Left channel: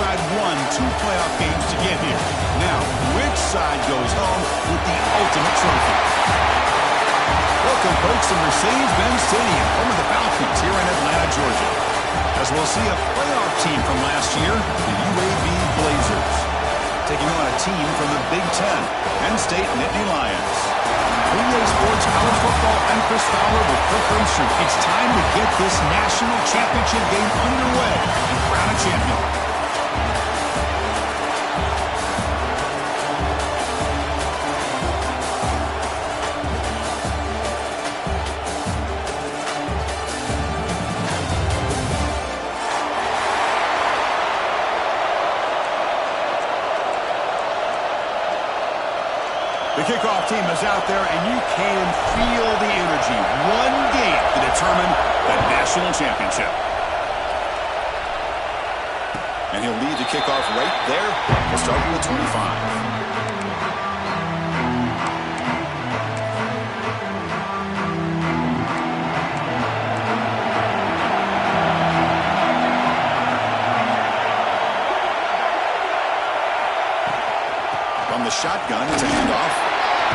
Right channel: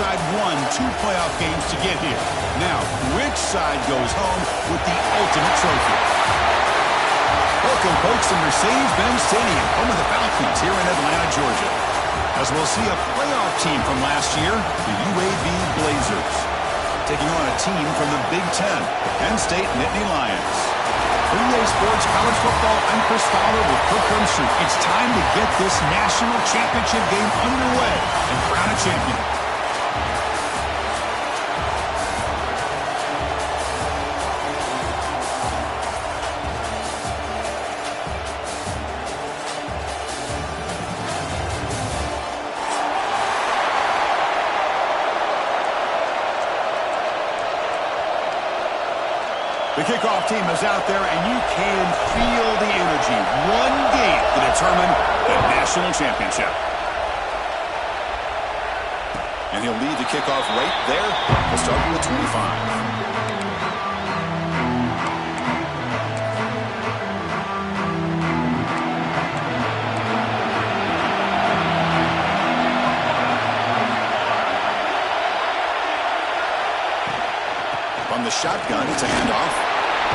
side won 2 playoff games to get here. Now, which side goes home with the ultimate trophy? Welcome, folks, to Mercedes-Benz Stadium, home of the Falcons here in Atlanta, Georgia. As we'll see a playoff team from last year, the UAB Blazers, taking on a team from the Big Ten, Penn State Nittany Lions. For EA Sports College Football, I'm Chris Fowler with Kirk Herbstreit. It's time to get this national championship game underway and crown a champion. The kickoff team is out there, and you can feel the energy. One game to determine the national championship. And he'll lead the kickoff right there. We'll start with the 25. From the shotgun, it's a handoff.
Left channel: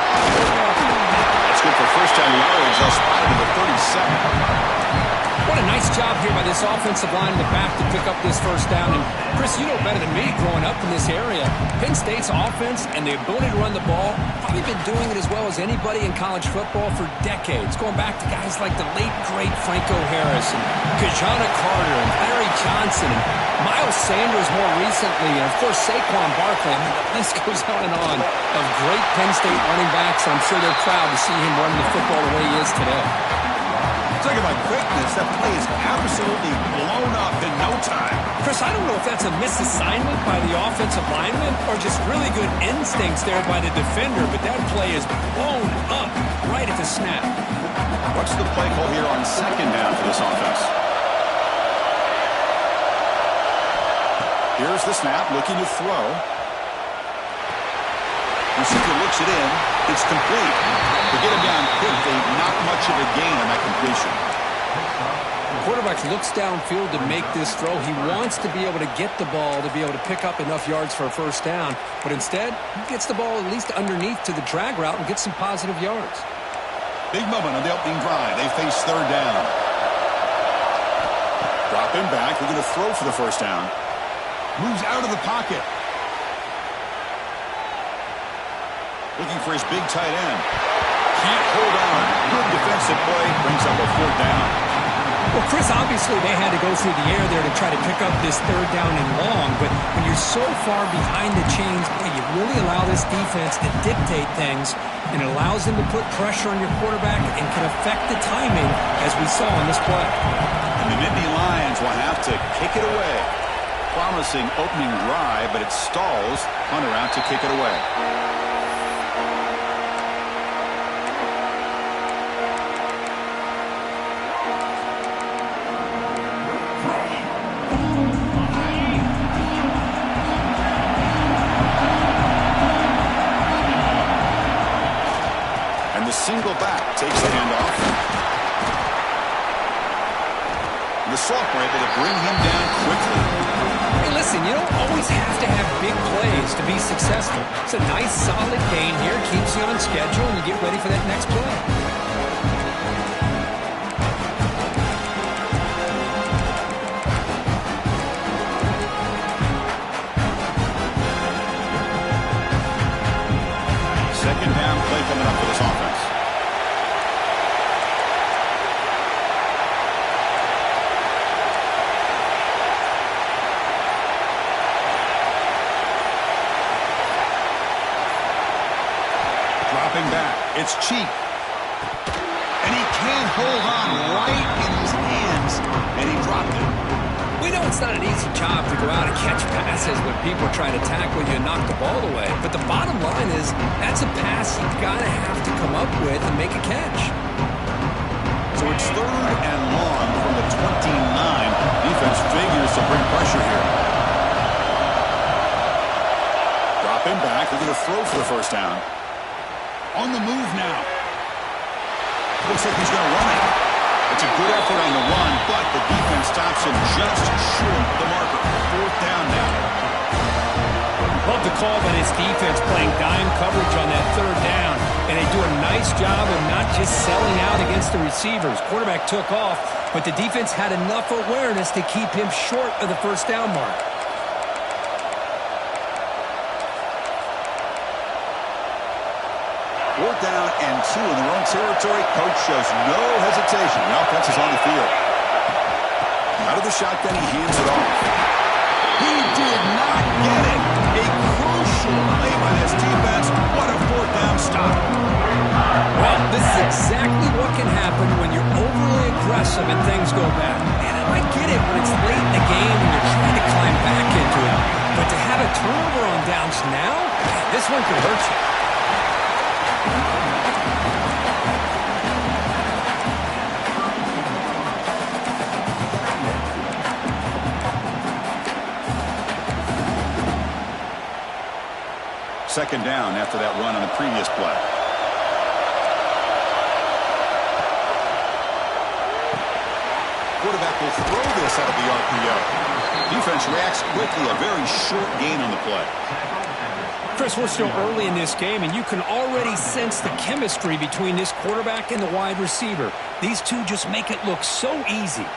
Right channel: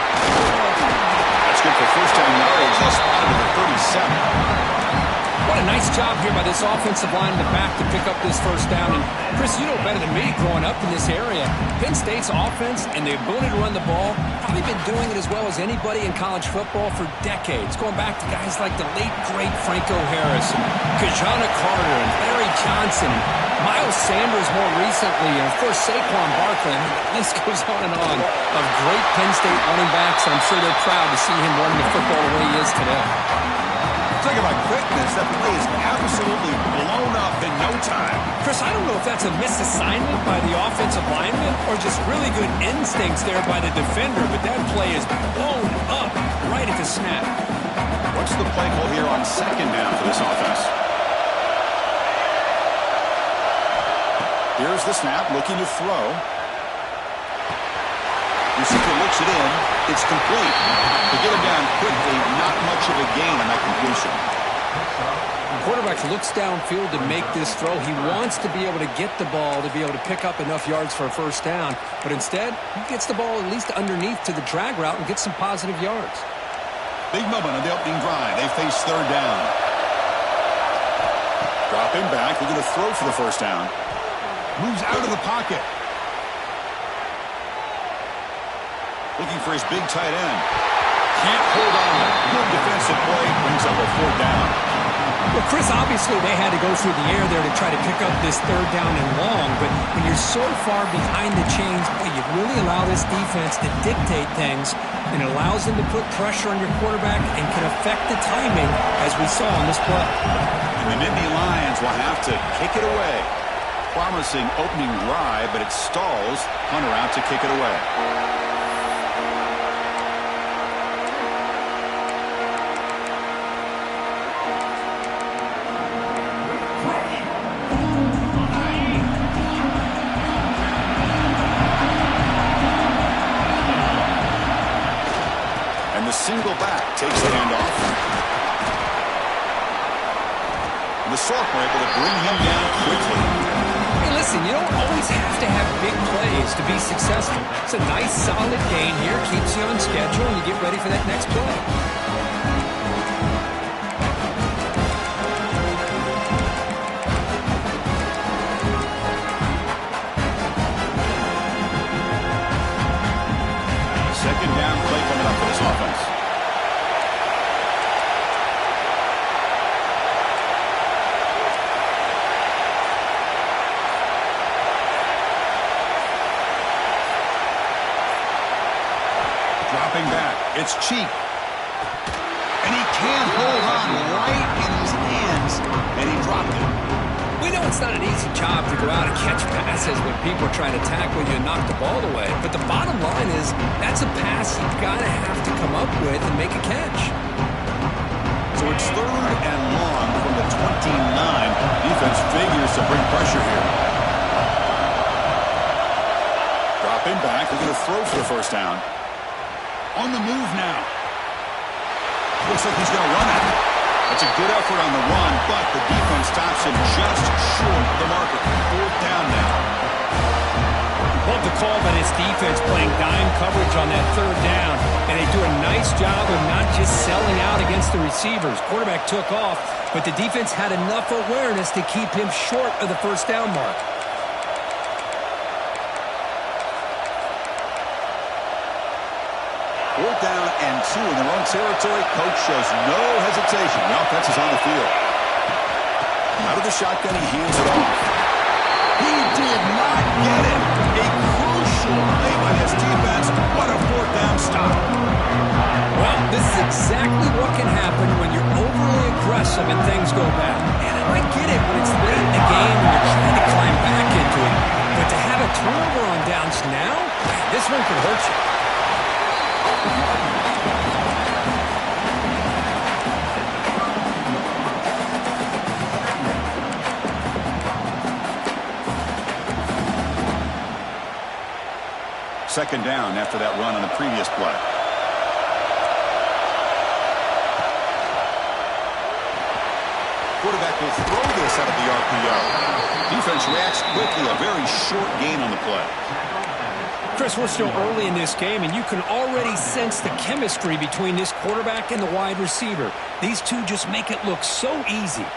That's good for first down yardage. They'll spot it at the 37. What a nice job here by this offensive line in the back to pick up this first down. And Chris, you know better than me growing up in this area. Penn State's offense and the ability to run the ball, probably been doing it as well as anybody in college football for decades. Going back to guys like the late, great Franco Harris and Kajana Carter and Larry Johnson and Miles Sanders more recently, and of course Saquon Barkley. I mean, the list goes on and on of great Penn State running backs, and I'm sure they're proud to see him running the football the way he is today. Talk about quickness. That play is absolutely blown up in no time. Chris, I don't know if that's a misassignment by the offensive lineman or just really good instincts there by the defender, but that play is blown up right at the snap. What's the play call here on second down for this offense? Here's the snap, looking to throw. Receiver looks it in. It's complete. To get him down quickly, not much of a gain on that completion. The quarterback looks downfield to make this throw. He wants to be able to get the ball to be able to pick up enough yards for a first down, but instead, he gets the ball at least underneath to the drag route and gets some positive yards. Big moment on the opening drive. They face third down. Drop him back. They're going to throw for the first down. Moves out of the pocket. Looking for his big tight end. Can't hold on. Good defensive play. Brings up a fourth down. Well, Chris, obviously they had to go through the air there to try to pick up this third down and long, but when you're so far behind the chains, boy, you really allow this defense to dictate things, and it allows them to put pressure on your quarterback and can affect the timing, as we saw on this play. And the Nittany Lions will have to kick it away. Promising opening drive, but it stalls. Hunter out to kick it away. And the single back takes the handoff. And the sophomore able to bring him down quickly. Hey, listen, you don't always have to have big plays to be successful. It's a nice, solid gain here. Keeps you on schedule, and you get ready for that next play. Second down play coming up for this offense. Dropping back. It's cheap. And he can't hold on right in his hands. And he dropped it. We know it's not an easy job to go out and catch passes when people are trying to tackle you and knock the ball away. But the bottom line is that's a pass you've got to have to come up with and make a catch. So it's third and long from the 29. Defense figures to bring pressure here. Dropping back. They're going to throw for the first down. On the move now. Looks like he's going to run it. It's a good effort on the run, but the defense stops him just short of the marker. Fourth down now. Love the call by this defense playing dime coverage on that third down, and they do a nice job of not just selling out against the receivers. Quarterback took off, but the defense had enough awareness to keep him short of the first down mark. Fourth down and 2 in their own territory. Coach shows no hesitation. The offense is on the field. Out of the shotgun, he hands it off. He did not get it. A crucial play by this defense. What a fourth down stop. Well, this is exactly what can happen when you're overly aggressive and things go bad. And I get it when it's late in the game and you're trying to climb back into it. But to have a turnover on downs now, this one could hurt you. Second down after that run on the previous play. Quarterback will throw this out of the RPO. Defense reacts quickly. A very short gain on the play. Chris, we're still early in this game, and you can already sense the chemistry between this quarterback and the wide receiver. These two just make it look so easy.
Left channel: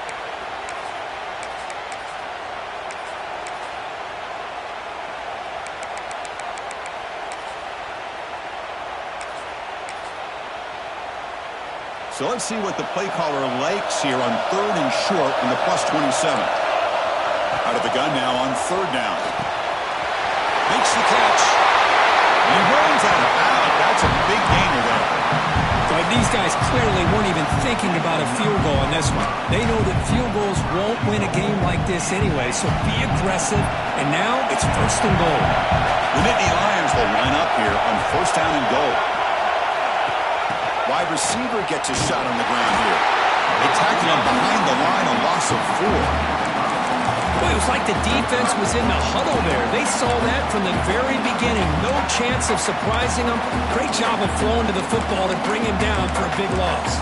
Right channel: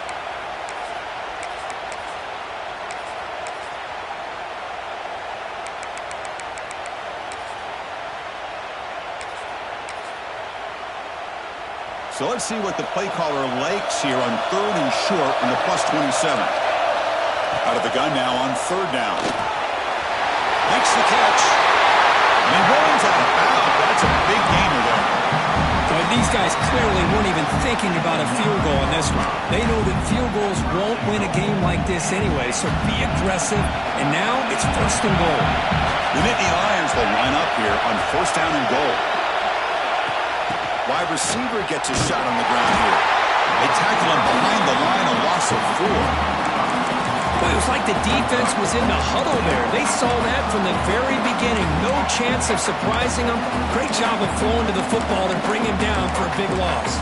So let's see what the play caller likes here on third and short in the +27. Out of the gun now on third down. Makes the catch. And he runs out of bounds. That's a big gainer there. But these guys clearly weren't even thinking about a field goal on this one. They know that field goals won't win a game like this anyway, so be aggressive. And now it's first and goal. The Nittany Lions will line up here on first down and goal. Wide receiver gets a shot on the ground here. They tackle him behind the line, a loss of 4. Boy, it was like the defense was in the huddle there. They saw that from the very beginning. No chance of surprising him. Great job of throwing to the football to bring him down for a big loss.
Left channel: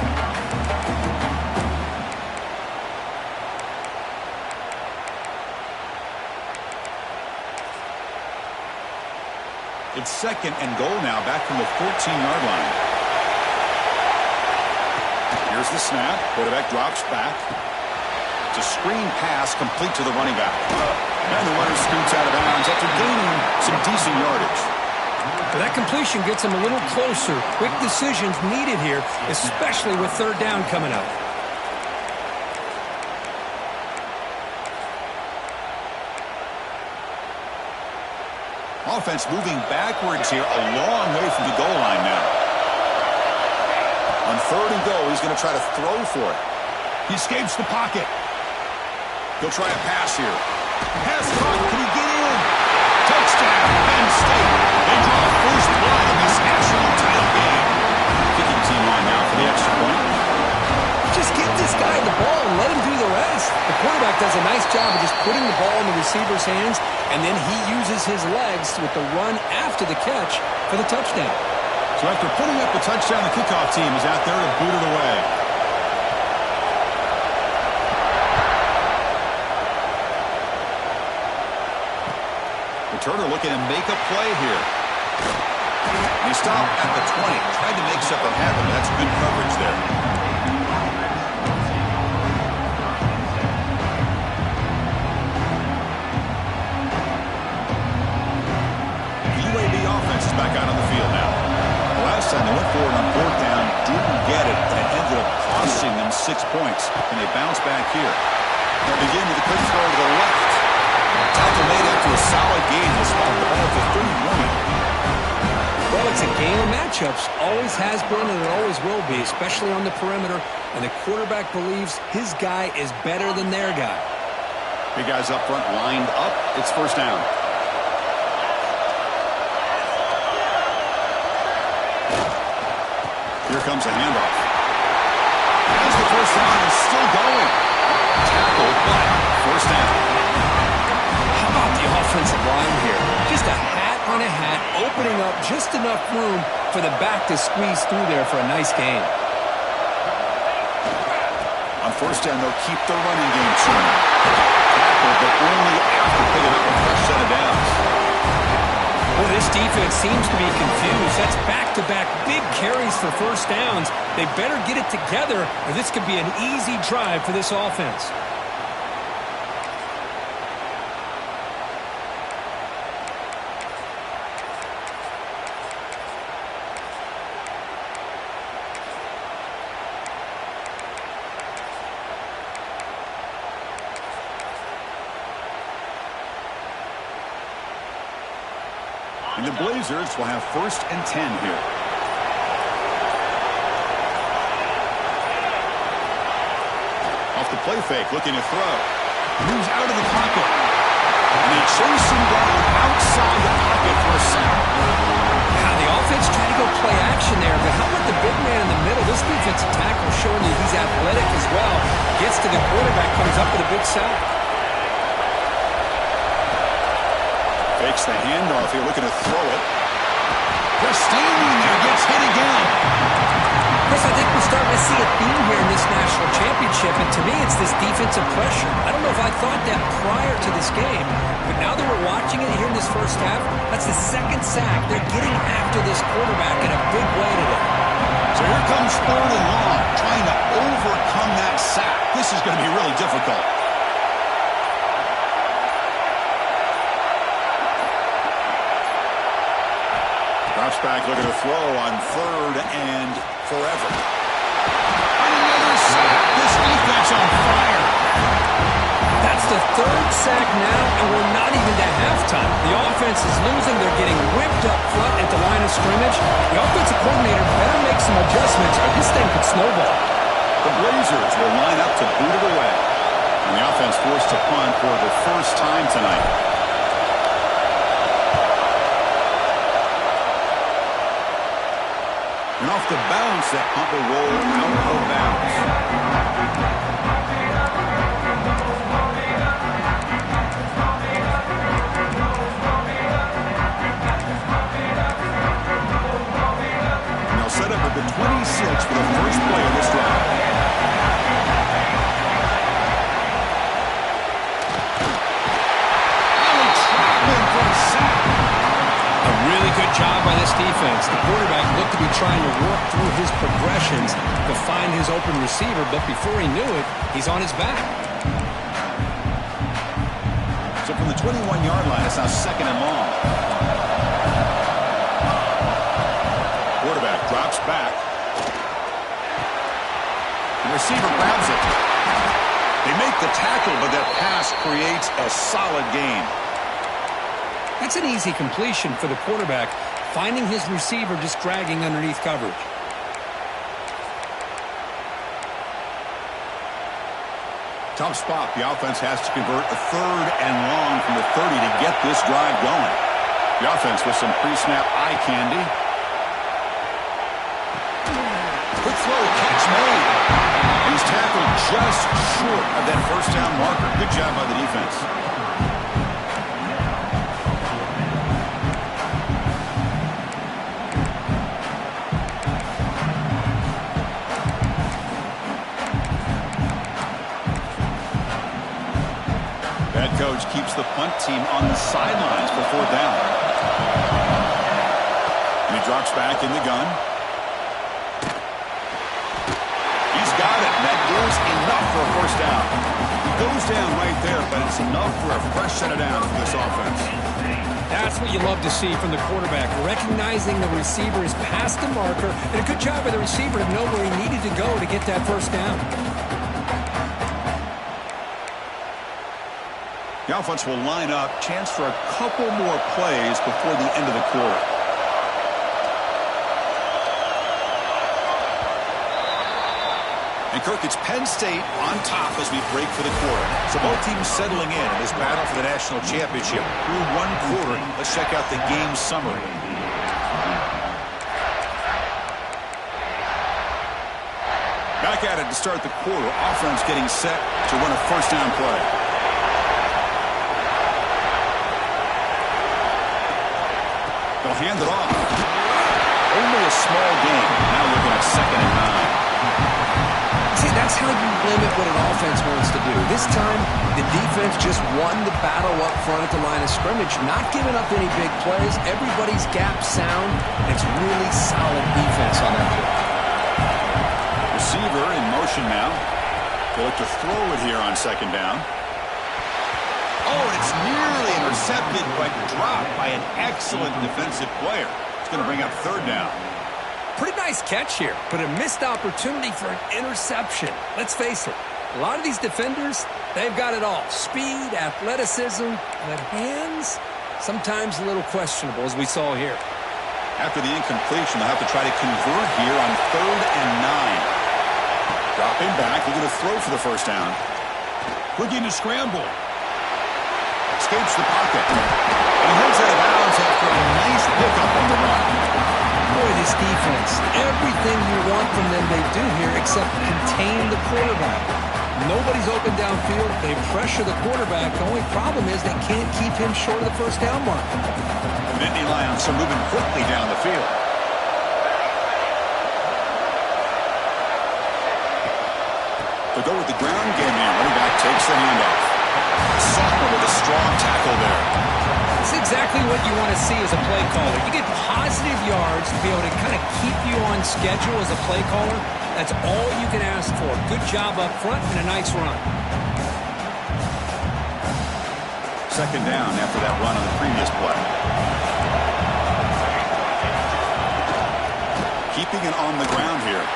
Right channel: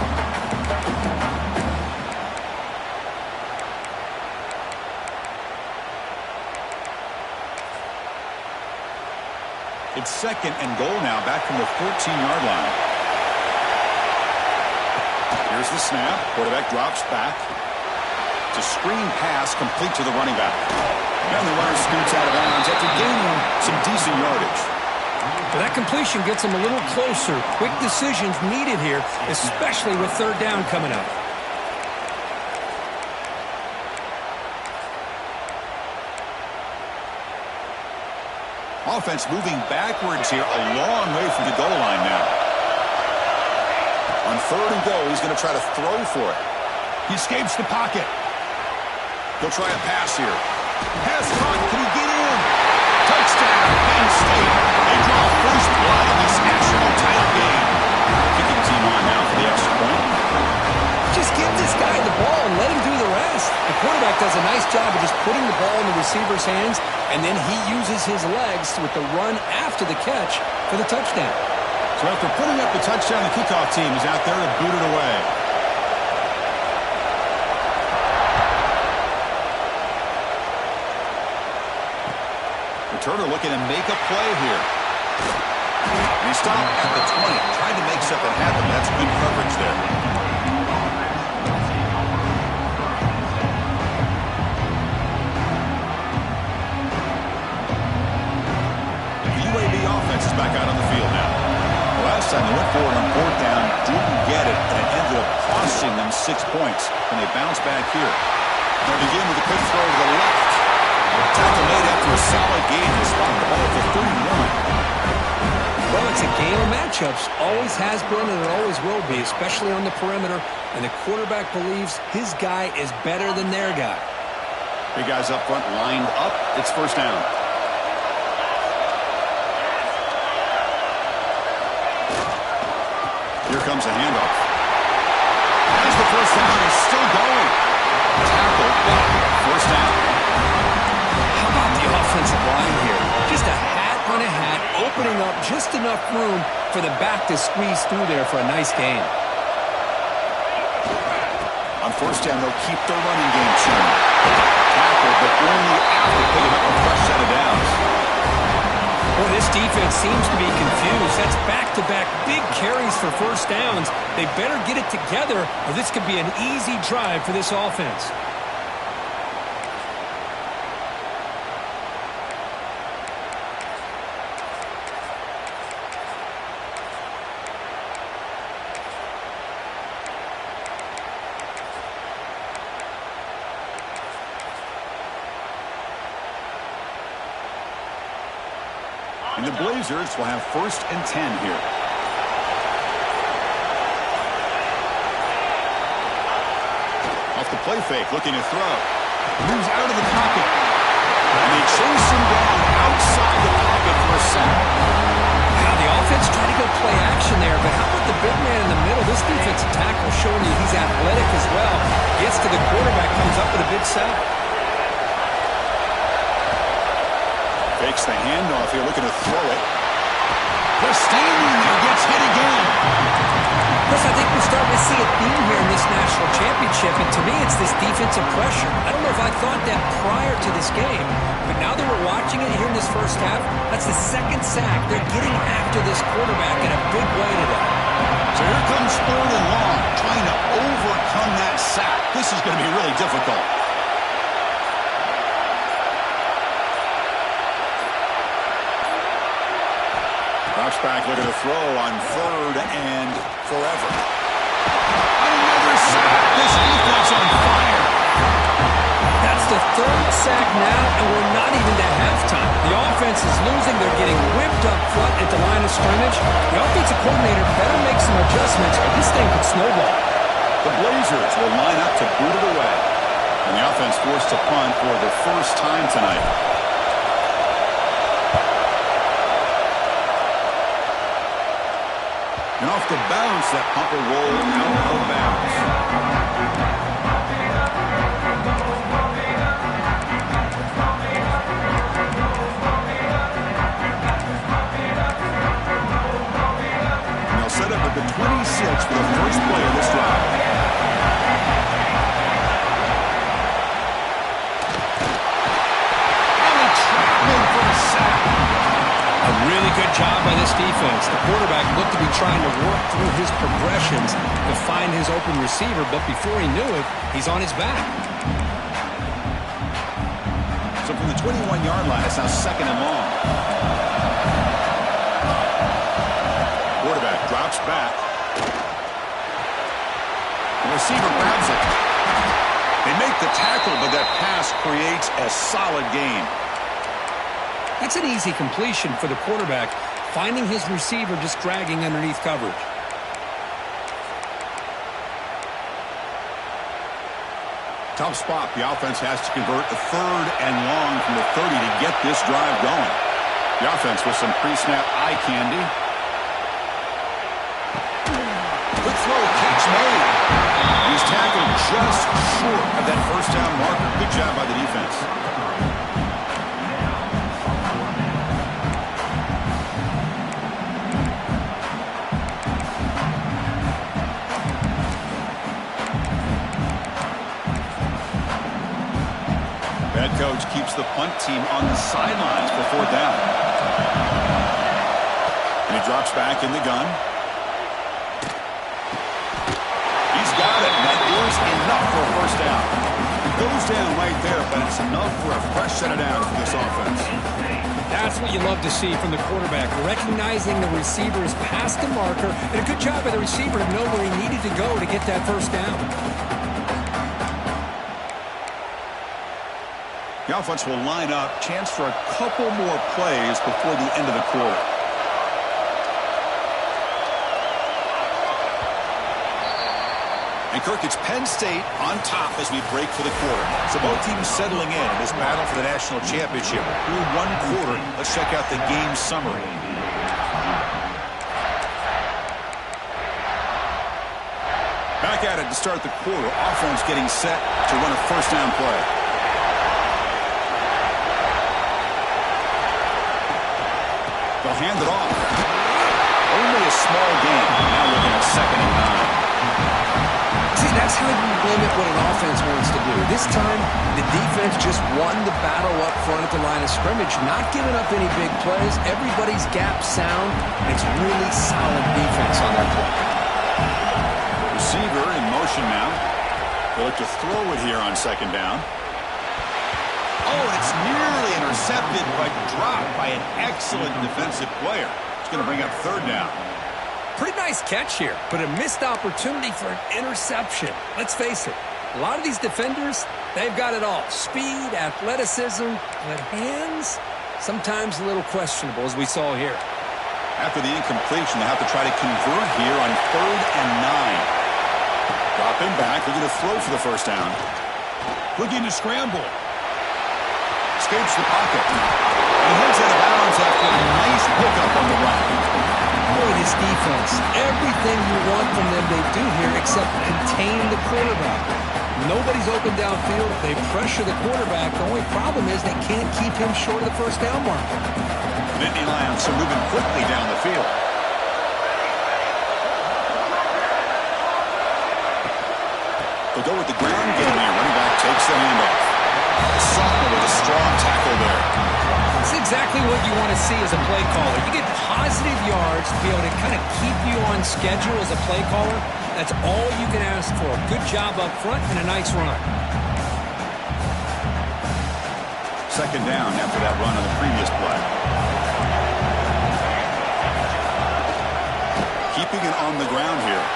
It's second and goal now, back from the 14-yard line. Here's the snap. Quarterback drops back. It's a screen pass complete to the running back. And the runner scoots out of bounds after gaining some decent yardage. But that completion gets him a little closer. Quick decisions needed here, especially with third down coming up. Offense moving backwards here, a long way from the goal line now. On third and goal, he's going to try to throw for it. He escapes the pocket. He'll try a pass here. Pass caught. Can he get in? Touchdown, Penn State. They draw first blood in this national title game. Kicking team on now for the extra point. Just give this guy the ball and let him do the rest. The quarterback does a nice job of just putting the ball in the receiver's hands, and then he uses his legs with the run after the catch for the touchdown. So after putting up the touchdown, the kickoff team is out there to boot it away. Returner looking to make a play here. And he stopped at the 20. Tried to make something happen. That's good coverage there. The UAB offense is back out on the field now. Last time they went forward on fourth down, didn't get it, and it ended up costing them 6 points. And they bounce back here. They'll begin with a quick throw to the left. Tackle made after a solid gain. They spot the ball at the 31. Well, it's a game of matchups. Always has been and it always will be, especially on the perimeter. And the quarterback believes his guy is better than their guy. Big guys up front lined up. It's first down. Here comes a handoff. As the first down is still going. Tackled, but first down. How about the offensive line here? Just a hat on a hat, opening up just enough room for the back to squeeze through there for a nice gain. On first down, they'll keep the running game churning. Tackled, but only after picking up a fresh set of downs. Well, this defense seems to be confused. That's back-to-back big carries for first downs. They better get it together, or this could be an easy drive for this offense. And the Blazers will have 1st and 10 here. Off the play fake, looking to throw. Moves out of the pocket. And they chase him down outside the pocket for a sack. Now, the offense tried to go play action there, but how about the big man in the middle? This defensive tackle showing you he's athletic as well. Gets to the quarterback, comes up with a big sack. Fakes the handoff here, looking to throw it. Just standing there, gets hit again. Chris, I think we're starting to see a theme here in this national championship, and to me it's this defensive pressure. I don't know if I thought that prior to this game, but now that we're watching it here in this first half, that's the 2nd sack. They're getting after this quarterback in a big way today. So here comes 3rd and long, trying to overcome that sack. This is going to be really difficult. Drops back, looking to throw on 3rd and forever. On another sack. This defense on fire. That's the 3rd sack now, and we're not even to halftime. The offense is losing. They're getting whipped up front at the line of scrimmage. The offensive coordinator better make some adjustments, or this thing could snowball. The Blazers will line up to boot it away. And the offense forced to punt for the first time tonight. And off the bounce, that pump will roll out of bounds. And they'll set up at the 26 for the first play of this drive. Oh, they trap him for a sack. A really good job by this defense. The quarterback looked to be trying to work through his progressions to find his open receiver, but before he knew it, he's on his back. So from the 21-yard line, it's now 2nd and long. Quarterback drops back. The receiver grabs it. They make the tackle, but that pass creates a solid gain. That's an easy completion for the quarterback, finding his receiver just dragging underneath coverage. Tough spot. The offense has to convert a 3rd and long from the 30 to get this drive going. The offense with some pre-snap eye candy. Quick throw, catch made. And he's tackled just short of that first down marker. Good job by the defense. Head coach keeps the punt team on the sidelines for 4th down. And he drops back in the gun. He's got it. That is enough for a first down. He goes down right there, but it's enough for a fresh set of downs for this offense. That's what you love to see from the quarterback, recognizing the receiver is past the marker, and a good job by the receiver to know where he needed to go to get that first down. The offense will line up, chance for a couple more plays before the end of the quarter. And Kirk, it's Penn State on top as we break for the quarter. So both teams settling in this battle for the national championship. Through 1 quarter, let's check out the game summary. Back at it to start the quarter. Offense getting set to run a first down play. They'll hand it off. Only a small gain. Now looking at 2nd and 9. See, that's how you limit what an offense wants to do. This time, the defense just won the battle up front at the line of scrimmage, not giving up any big plays. Everybody's gap sound. It's really solid defense on that play. Receiver in motion now. They look to throw it here on second down. Oh, and it's nearly intercepted, but dropped by an excellent defensive player. It's going to bring up third down. Pretty nice catch here, but a missed opportunity for an interception. Let's face it, a lot of these defenders, they've got it all. Speed, athleticism, but hands, sometimes a little questionable, as we saw here. After the incompletion, they'll have to try to convert here on 3rd and 9. Dropping back, looking to throw for the first down. Looking to scramble. Escapes the pocket. And he heads out of bounds after a nice pickup on the run. Boy, this defense, everything you want from them they do here except contain the quarterback. Nobody's open downfield. They pressure the quarterback. The only problem is they can't keep him short of the first down mark. Nittany Lions are moving quickly down the field. They'll go with the ground game here. Running back takes the handoff. Sophomore with a strong tackle there. It's exactly what you want to see as a play caller. You get positive yards to be able to kind of keep you on schedule as a play caller. That's all you can ask for. Good job up front and a nice run. Second down after that run on the previous play. Keeping it on the ground here.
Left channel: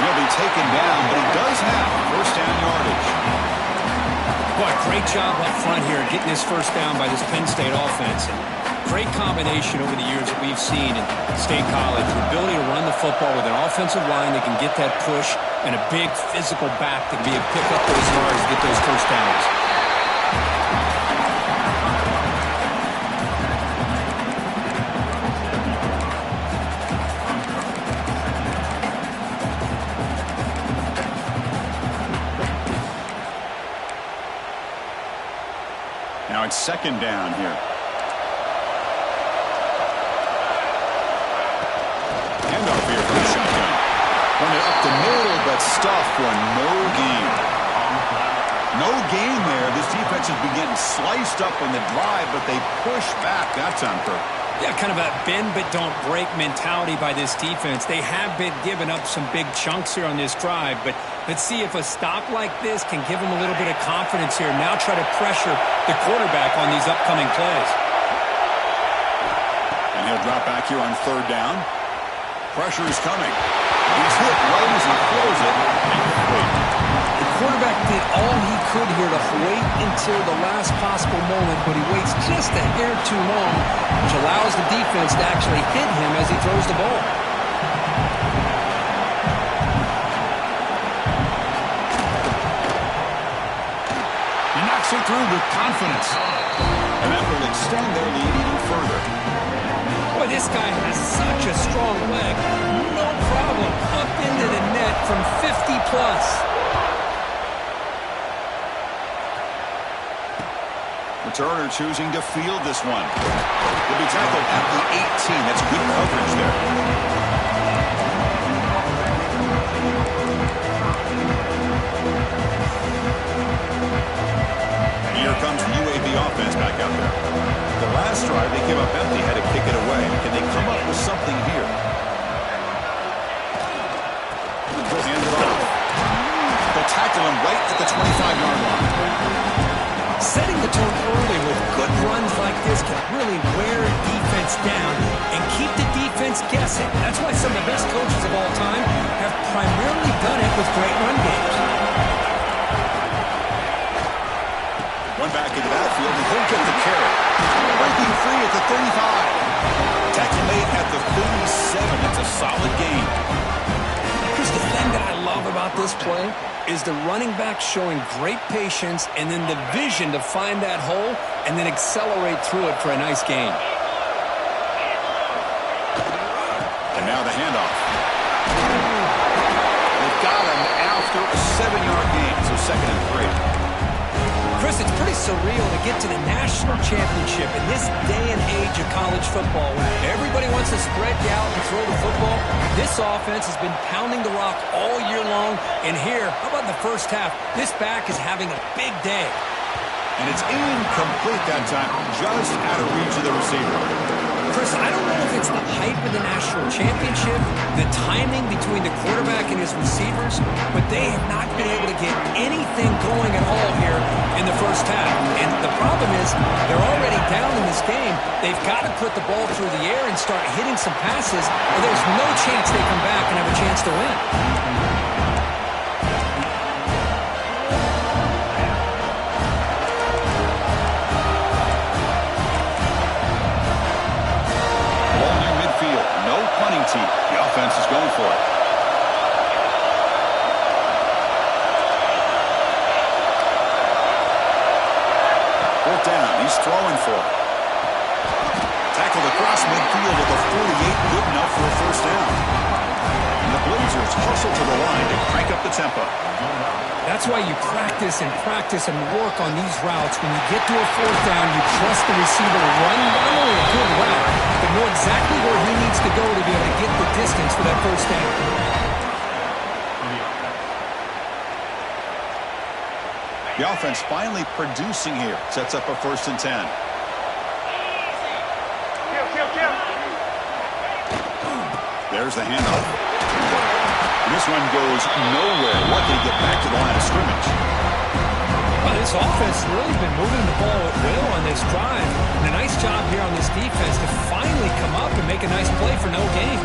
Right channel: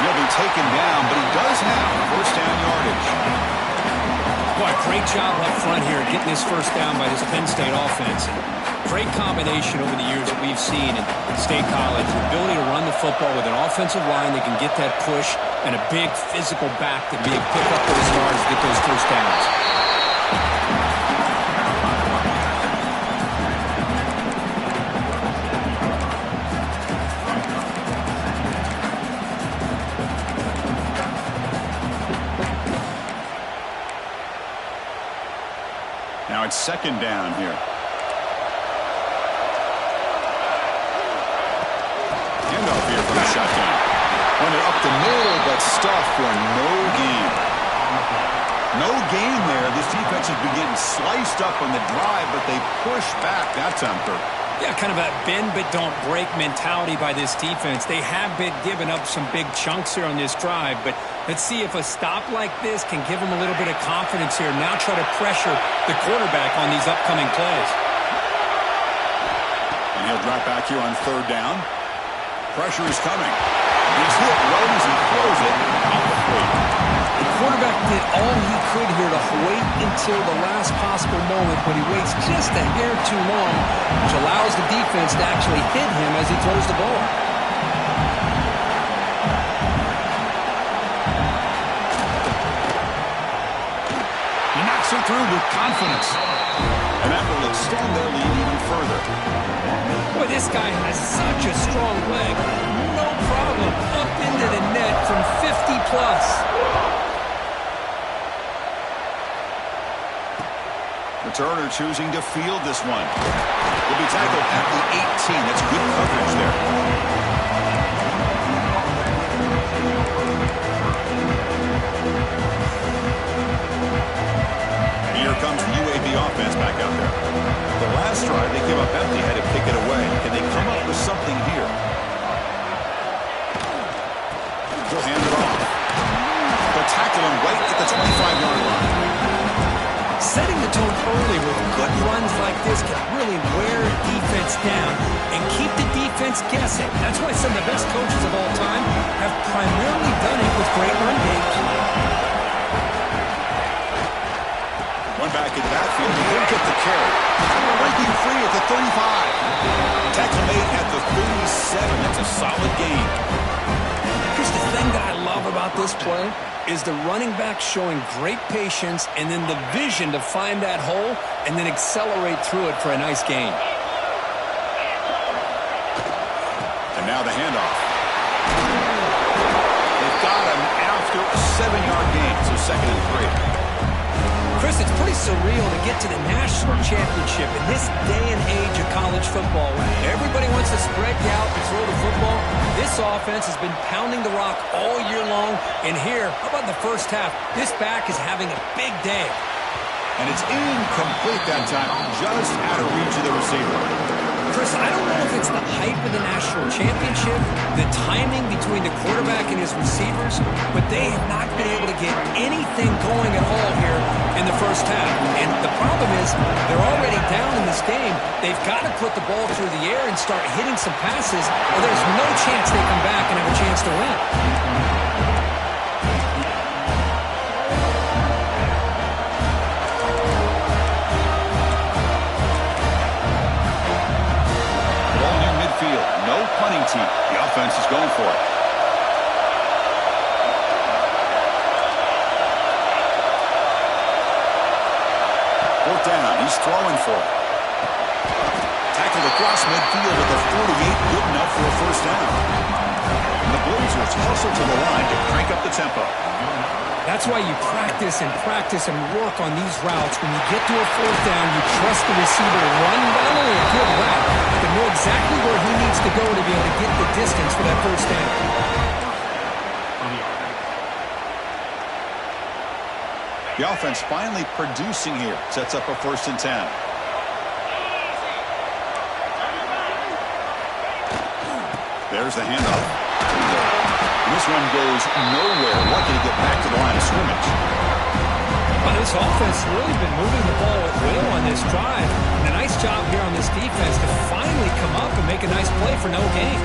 He'll be taken down, but he does have first down yardage. Boy, great job up front here getting this first down by this Penn State offense. And great combination over the years that we've seen in State College. The ability to run the football with an offensive line that can get that push and a big physical back that can be able to pick up those yards and get those first downs. Now it's second down here. Handoff here from the shotgun. Running up the middle, but stuffed for no gain. No gain there. This defense has been getting sliced up on the drive, but they push back that time, Kirk. Yeah, kind of a bend but don't break mentality by this defense. They have been giving up some big chunks here on this drive, but let's see if a stop like this can give them a little bit of confidence here. Now try to pressure the quarterback on these upcoming plays. And he'll drop back here on third down. Pressure is coming. He's hit right as he throws it. The quarterback did all he could here to wait until the last possible moment, but he waits just a hair too long, which allows the defense to actually hit him as he throws the ball. He knocks it through with confidence. And that will extend their lead even further. Boy, this guy has such a strong leg. No problem. Up into the net from 50 plus. Returner choosing to field this one. Will be tackled at the 18. That's good coverage there. Here comes the UAB offense back out there. The last drive they came up empty, had to kick it away. Can they come up with something here? They'll hand it off. They'll tackle him right at the 25-yard line. Setting the tone early with good runs like this can really wear defense down and keep the defense guessing. That's why some of the best coaches of all time have primarily done it with great run games. One back in the backfield, he didn't get the carry. Breaking free at the 35. Tackle made at the 37. That's a solid gain. Here's the thing that I love about this play is the running back showing great patience and then the vision to find that hole and then accelerate through it for a nice gain. And now the handoff. They've got him after a 7-yard gain, so 2nd and 3. Chris, it's pretty surreal to get to the national championship in this day and age of college football when everybody wants to spread you out and throw the football. This offense has been pounding the rock all year long. And here, how about the first half? This back is having a big day. And it's incomplete that time, just out of reach of the receiver. Chris, I don't know if it's the hype of the national championship, the timing between the quarterback and his receivers, but they have not been able to get anything going at all here in the first half. And the problem is they're already down in this game. They've got to put the ball through the air and start hitting some passes, or there's no chance they come back and have a chance to win. No punting tee. The offense is going for it. Fourth down. He's throwing for it. Tackled across midfield at the 48. Good enough for a first down. And the Blazers hustle to the line to crank up the tempo. That's why you practice and work on these routes. When you get to a fourth down, you trust the receiver to run not only a good route, but know exactly where he needs to go to be able to get the distance for that first down. The offense finally producing here. Sets up a 1st and 10. There's the handoff. This one goes nowhere. Lucky to get back to the line of scrimmage. Well, this offense has really been moving the ball at will on this drive. And a nice job here on this defense to finally come up and make a nice play for no gain.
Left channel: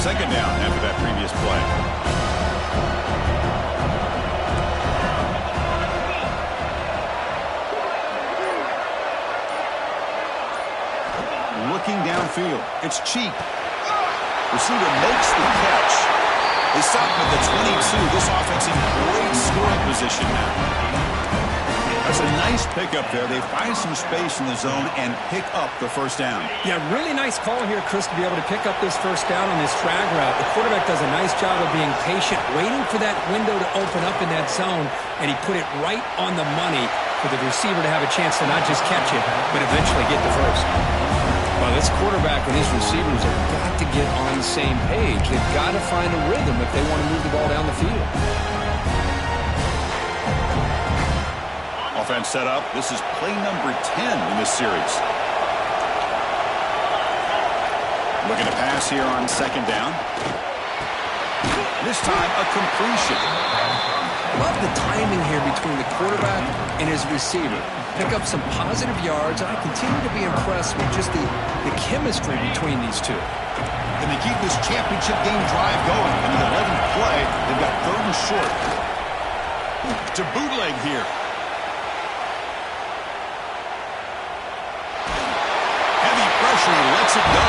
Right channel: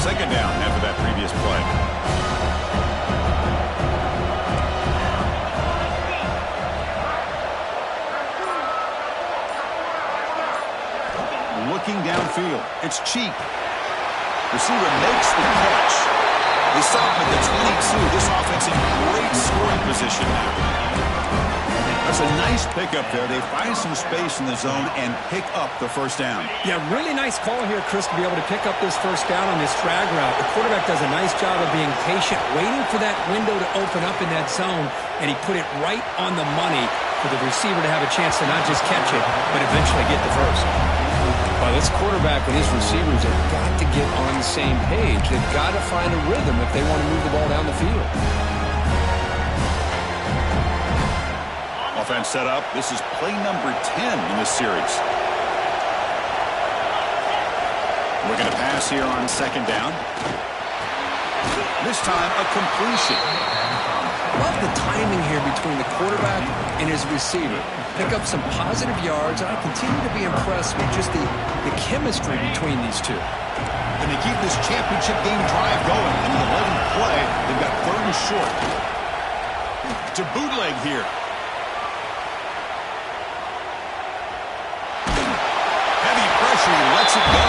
Second down after that previous play. Looking downfield. It's Cheek. Receiver makes the catch. They stop him at the 22. This offense in great scoring position now. That's a nice pickup there. They find some space in the zone and pick up the first down. Yeah, really nice call here, Chris, to be able to pick up this first down on this drag route. The quarterback does a nice job of being patient, waiting for that window to open up in that zone, and he put it right on the money for the receiver to have a chance to not just catch it, but eventually get the first. Well, this quarterback and his receivers have got to get on the same page. They've got to find a rhythm if they want to move the ball down the field. Offense set up. This is play number 10 in this series. Looking to pass here on second down. This time a completion. Love the timing here between the quarterback and his receiver. Pick up some positive yards, and I continue to be impressed with just the chemistry between these two. And they keep this championship game drive going. In the 11th play, they've got 3rd and short. To bootleg here. Heavy pressure, he lets it go.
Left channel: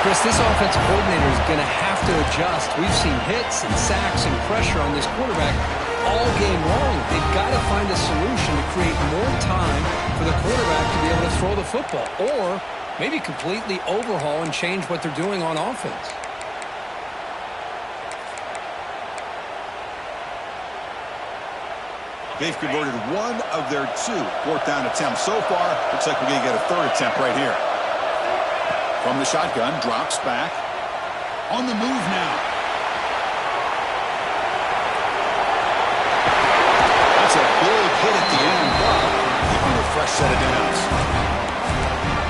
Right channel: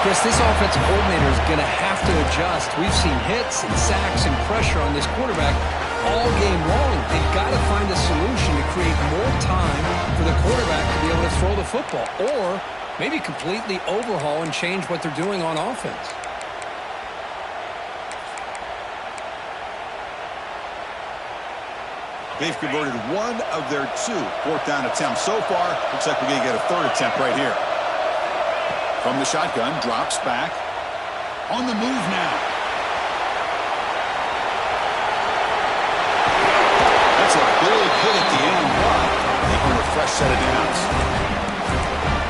Chris, this offensive coordinator is going to have to adjust. We've seen hits and sacks and pressure on this quarterback all game long. They've got to find a solution to create more time for the quarterback to be able to throw the football, or maybe completely overhaul and change what they're doing on offense. They've converted 1 of their 2 4th down attempts so far. Looks like we're going to get a 3rd attempt right here. From the shotgun, drops back. On the move now. That's a big hit at the end, but they earn a fresh set of downs.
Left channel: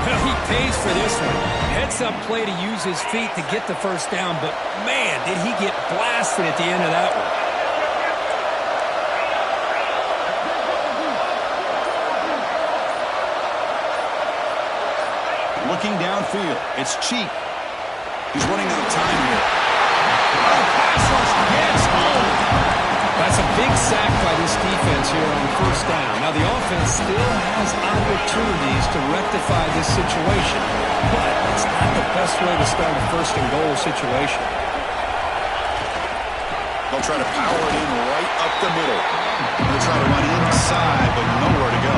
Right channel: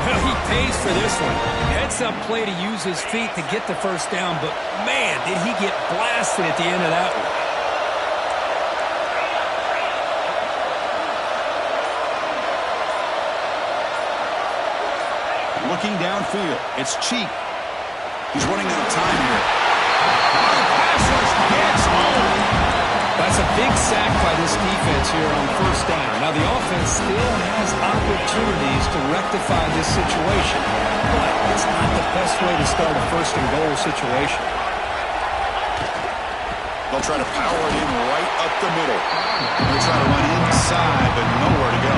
Well, he pays for this one. Heads-up play to use his feet to get the first down, but man, did he get blasted at the end of that one. Looking downfield, it's Cheek. He's running out of time here. Oh, pass rush gets home. That's a big sack by this defense here on first down. Now, the offense still has opportunities to rectify this situation, but it's not the best way to start a first-and-goal situation. They'll try to power it in right up the middle. They'll try to run inside, but nowhere to go.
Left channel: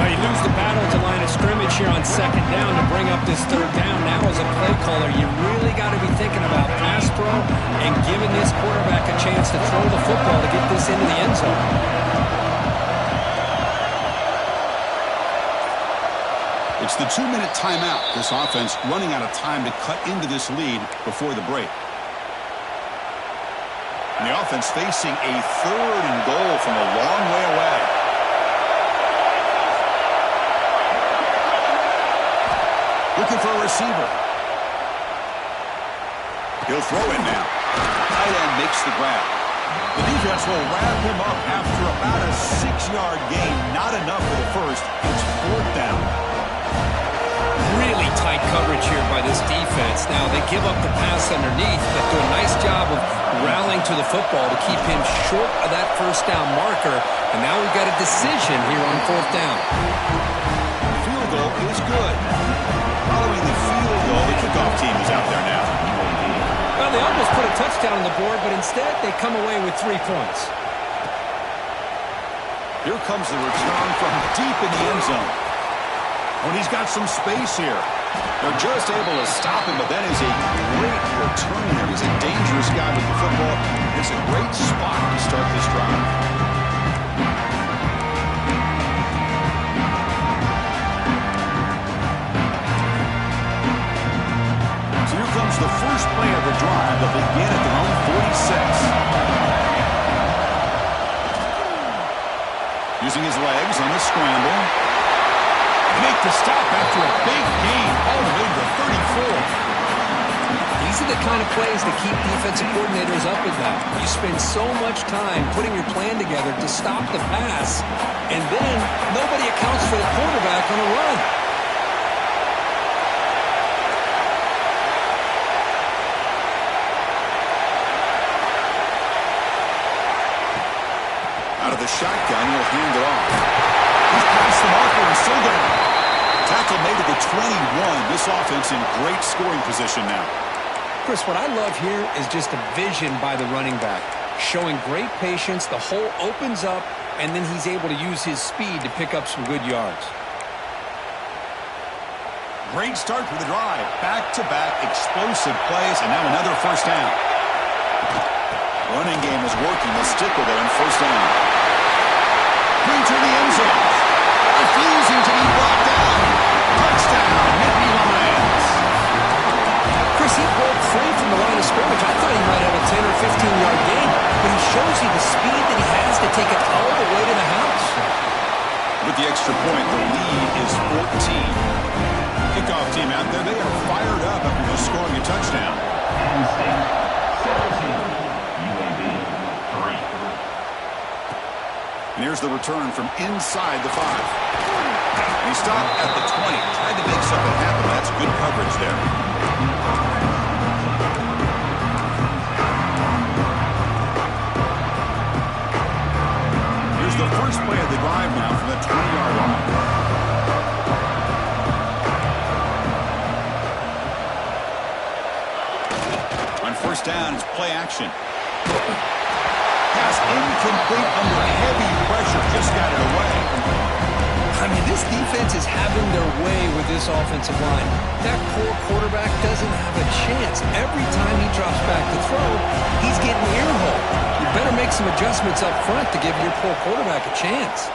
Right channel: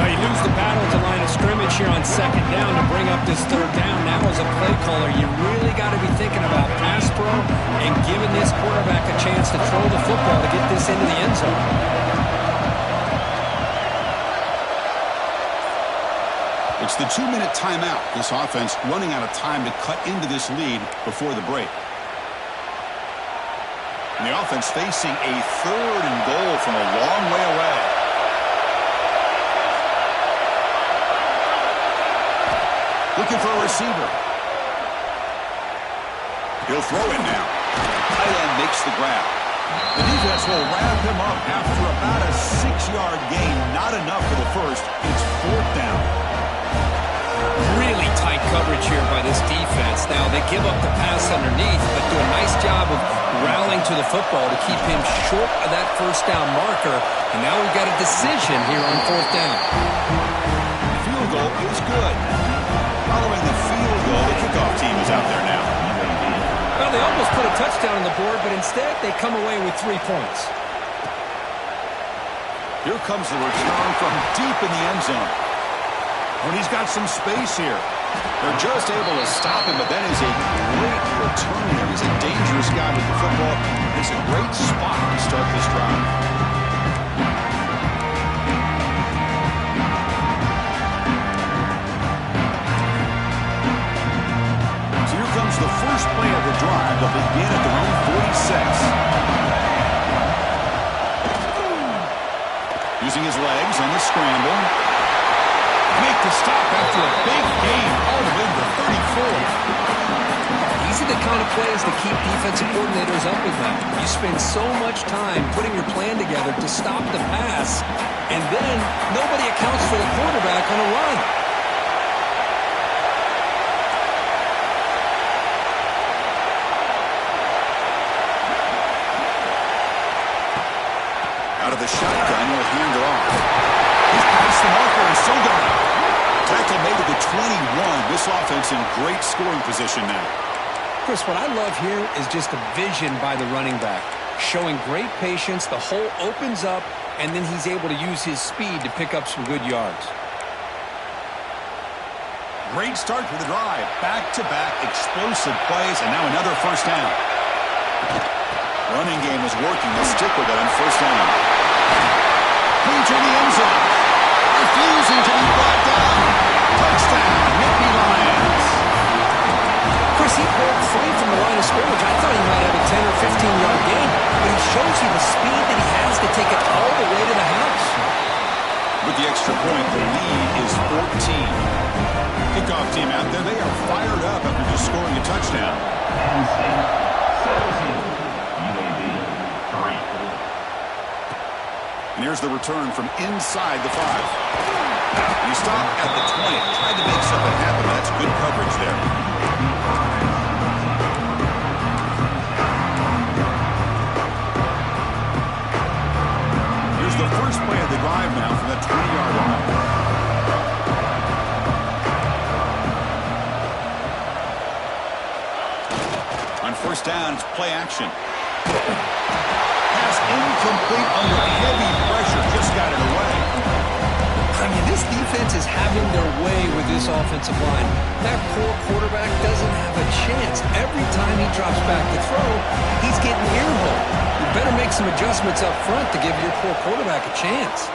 You lose the battle to line of scrimmage here on second down to bring up this third down. Now as a play caller, you really got to be thinking about pass pro and giving this quarterback a chance to throw the football to get this into the end zone. It's the 2-minute timeout. This offense running out of time to cut into this lead before the break. And the offense facing a 3rd and goal from a long way away. Looking for a receiver. He'll throw it now. Tight end makes the grab. The defense will wrap him up after about a 6-yard gain. Not enough for the first. It's 4th down. Really tight coverage here by this defense. Now, they give up the pass underneath, but do a nice job of rallying to the football to keep him short of that first down marker. And now we've got a decision here on 4th down. The field goal is good. Following the field goal, the kickoff team is out there now. Well, they almost put a touchdown on the board, but instead they come away with 3 points. Here comes the return from deep in the end zone. When he's got some space here. They're just able to stop him, but that is a great return there. He's a dangerous guy with the football. It's a great spot to start this drive. So here comes the first play of the drive. They'll begin at their own 46. Using his legs on the scramble. Make the stop after a big gain all the way to the 34. These are the kind of plays that keep defensive coordinators up at night. You spend so much time putting your plan together to stop the pass, and then nobody accounts for the quarterback on a run. Out of the shotgun, will hand it off. He's past the marker and still going. Tackle made at the 21. This offense in great scoring position now. Chris, what I love here is just a vision by the running back. Showing great patience, the hole opens up, and then he's able to use his speed to pick up some good yards. Great start to the drive. Back-to-back explosive plays, and now another first down. Running game is working. They'll stick with it on first down. Into the end zone. Refusing to be brought down. Touchdown, Nittany Lions. Chris, he broke free from the line of scrimmage. I thought he might have a 10 or 15-yard gain, but he shows you the speed that he has to take it all the way to the house. With the extra point, the lead is 14. Kickoff team out there, they are fired up after just scoring a touchdown. Penn State, 17, UAB, 3. And here's the return from inside the 5. And he stopped at the 20. Tried to make something happen. That's good coverage there. Here's the first play of the drive now from the 20-yard line. On first down, it's play action. Pass incomplete under heavy pressure. Just got it away. I mean, this defense is having their way with this offensive line. That poor quarterback doesn't have a chance. Every time he drops back to throw, he's getting earholed. You better make some adjustments up front to give your poor quarterback a chance.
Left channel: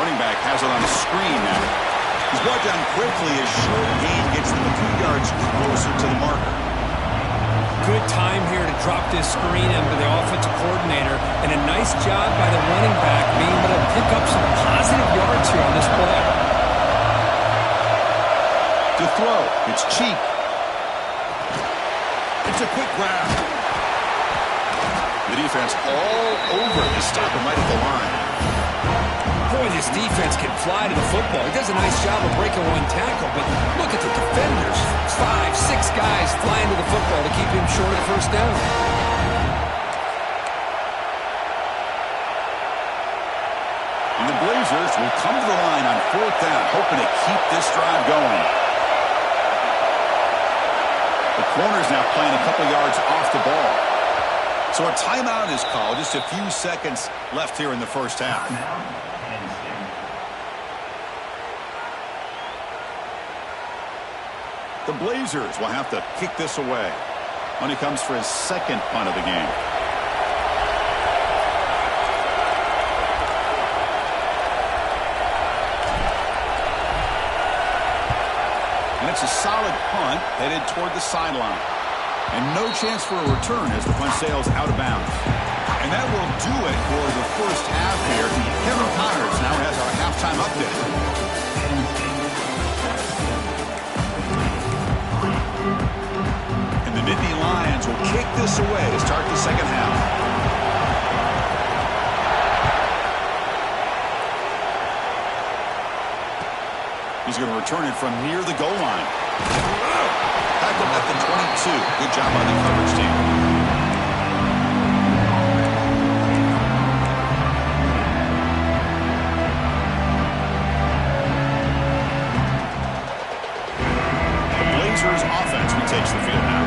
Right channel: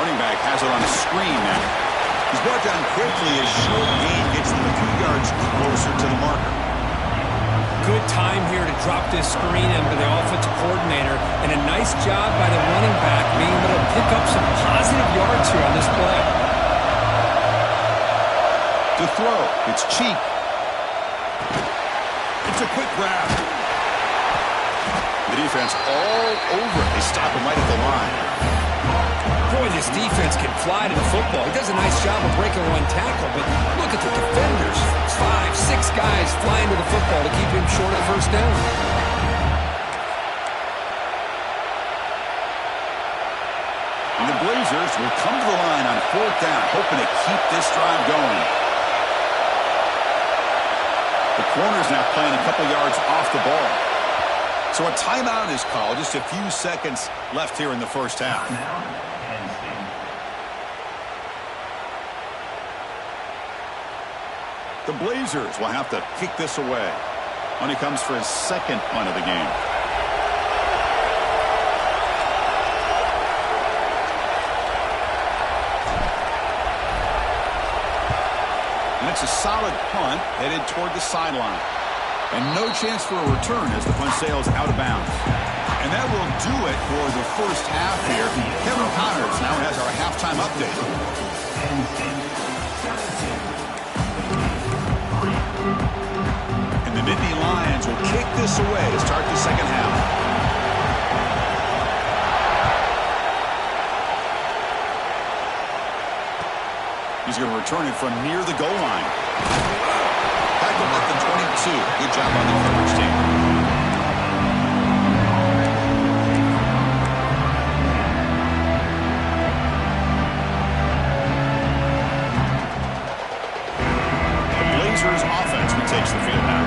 Running back has it on a screen now. He's brought down quickly as short gain gets them a few yards closer to the marker. Good time here to drop this screen into the offensive coordinator, and a nice job by the running back being able to pick up some positive yards here on this play. To throw, it's cheap. It's a quick grab. The defense all over it. They stop him right at the line. Boy, this defense can fly to the football. He does a nice job of breaking one tackle, but look at the defenders. 5, 6 guys flying to the football to keep him short of the first down. And the Blazers will come to the line on fourth down, hoping to keep this drive going. The corner's now playing a couple yards off the ball. So a timeout is called. Just a few seconds left here in the first half. The Blazers will have to kick this away when he comes for his second punt of the game. And it's a solid punt headed toward the sideline. And no chance for a return as the punt sails out of bounds. And that will do it for the first half here. Kevin Connors now has our halftime update. And the Nittany Lions will kick this away to start the second half. He's going to return it from near the goal line. Tackled at the 22. Good job by the coverage team. The Blazers offense retakes the field now.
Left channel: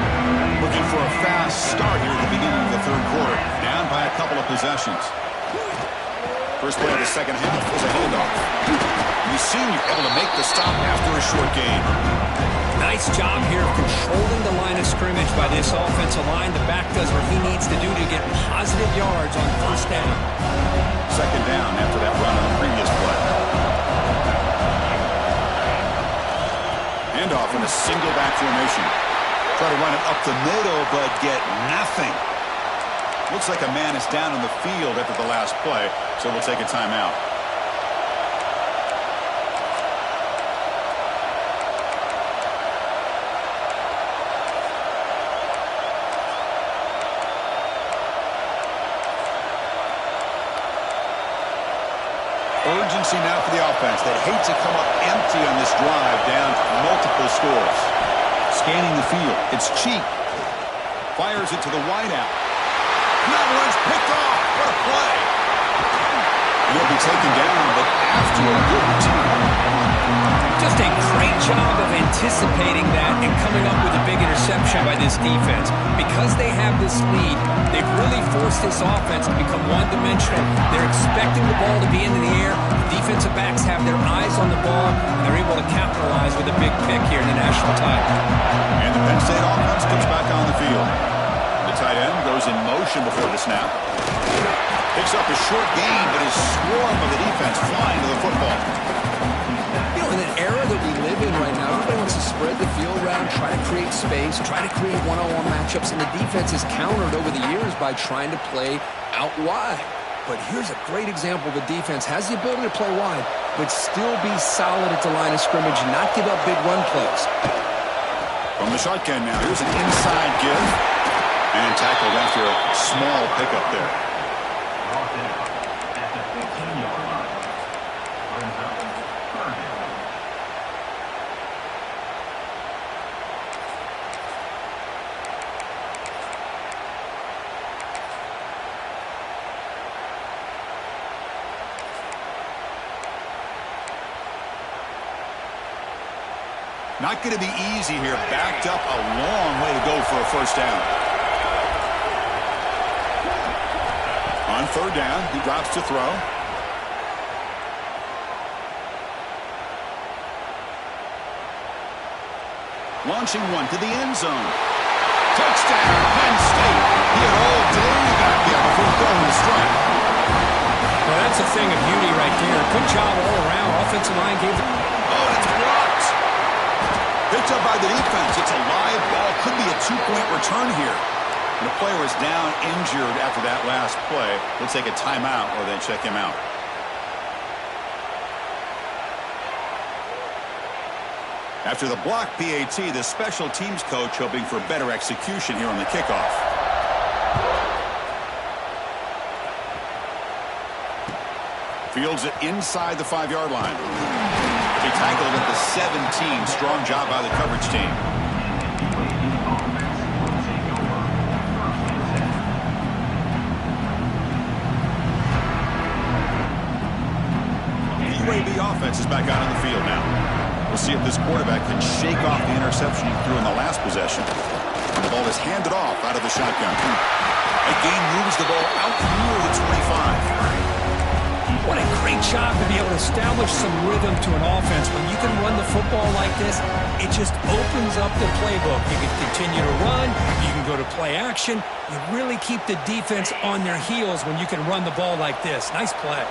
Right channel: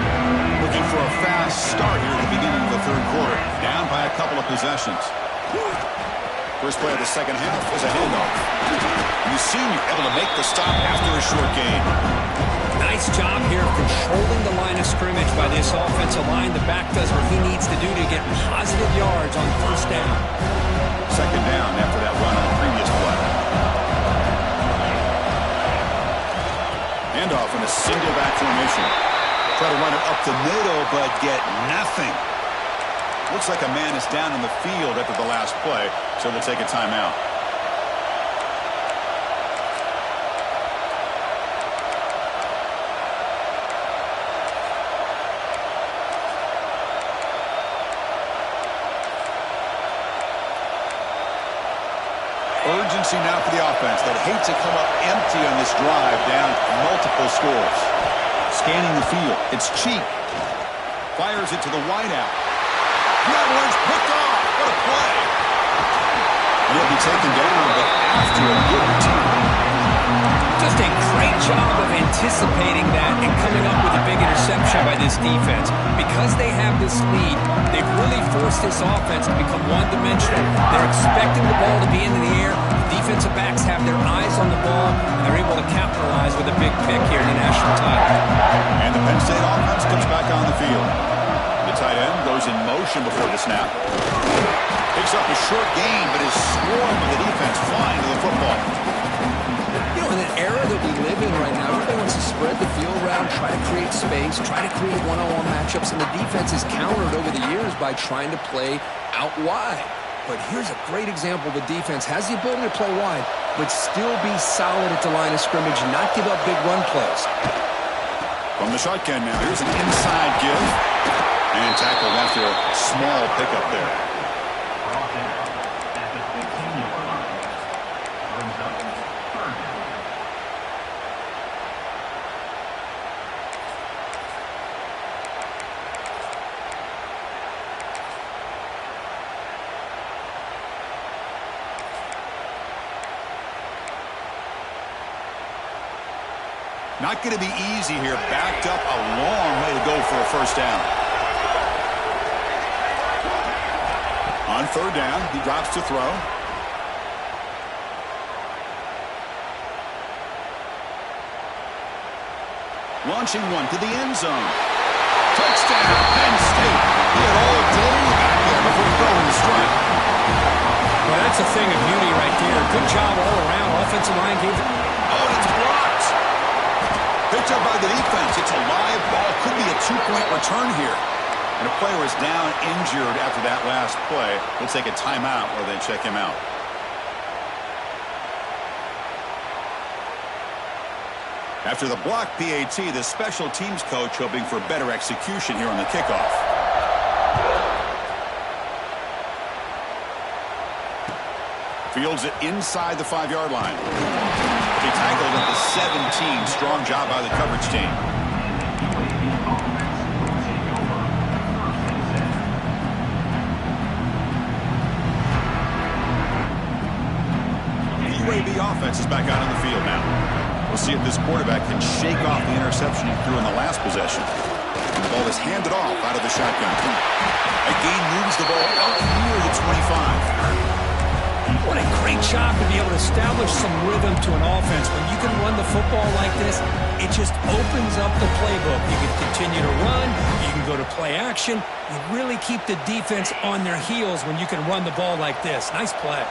Looking for a fast start here at the beginning of the third quarter. Down by a couple of possessions. First play of the second half is a handoff. The senior able to make the stop after a short gain. Nice job here of controlling the line of scrimmage by this offensive line. The back does what he needs to do to get positive yards on first down. Second down after that run on the previous play. Handoff in a single back formation. Try to run it up the middle, but get nothing. Looks like a man is down on the field after the last play, so we'll take a timeout. Urgency now for the offense that hates to come up empty on this drive, down multiple scores. Scanning the field. It's Cheek. Fires it to the wideout. That one's picked off. What a play. And he'll be taken down, but after a good return. Just a great job of anticipating that and coming up with a big interception by this defense. Because they have this lead, they've really forced this offense to become one-dimensional. They're expecting the ball to be in the air. The defensive backs have their eyes on the ball, and they're able to capitalize with a big pick here in the national title. And the Penn State offense comes back on the field. The tight end goes in motion before the snap. Picks up a short gain, but is swarmed with the defense flying to the football. You know, in an era that we live in right now, everybody wants to spread the field around, try to create space, try to create one-on-one matchups, and the defense is countered over the years by trying to play out wide. But here's a great example of a defense has the ability to play wide, but still be solid at the line of scrimmage and not give up big run plays. From the shotgun now, here's an inside give. And tackled after a small pickup there. Brought down at the 15-yard line. Brings up third down. Not going to be easy here. Backed up a long way to go for a first down. On third down, he drops to throw. Launching one to the end zone. Touchdown, Penn State. He had all day back there before throwing the strike. Well, that's a thing of beauty right there. Good job all around. Offensive line gave it. Oh, and it's blocked. Picked up by the defense. It's a live ball. Could be a two-point return here. And a player is down injured after that last play. We'll take a timeout while they check him out. After the block PAT, the special teams coach hoping for better execution here on the kickoff. Fields it inside the 5-yard line. He'll be tackled at the 17. Strong job by the coverage team. UAB offense is back out on the field now. We'll see if this quarterback can shake off the interception he threw in the last possession. And the ball is handed off out of the shotgun. A gain moves the ball out near the 25. What a great job to be able to establish some rhythm to an offense. When you can run the football like this, it just opens up the playbook. You can continue to run. You can go to play action. You really keep the defense on their heels when you can run the ball like this. Nice play.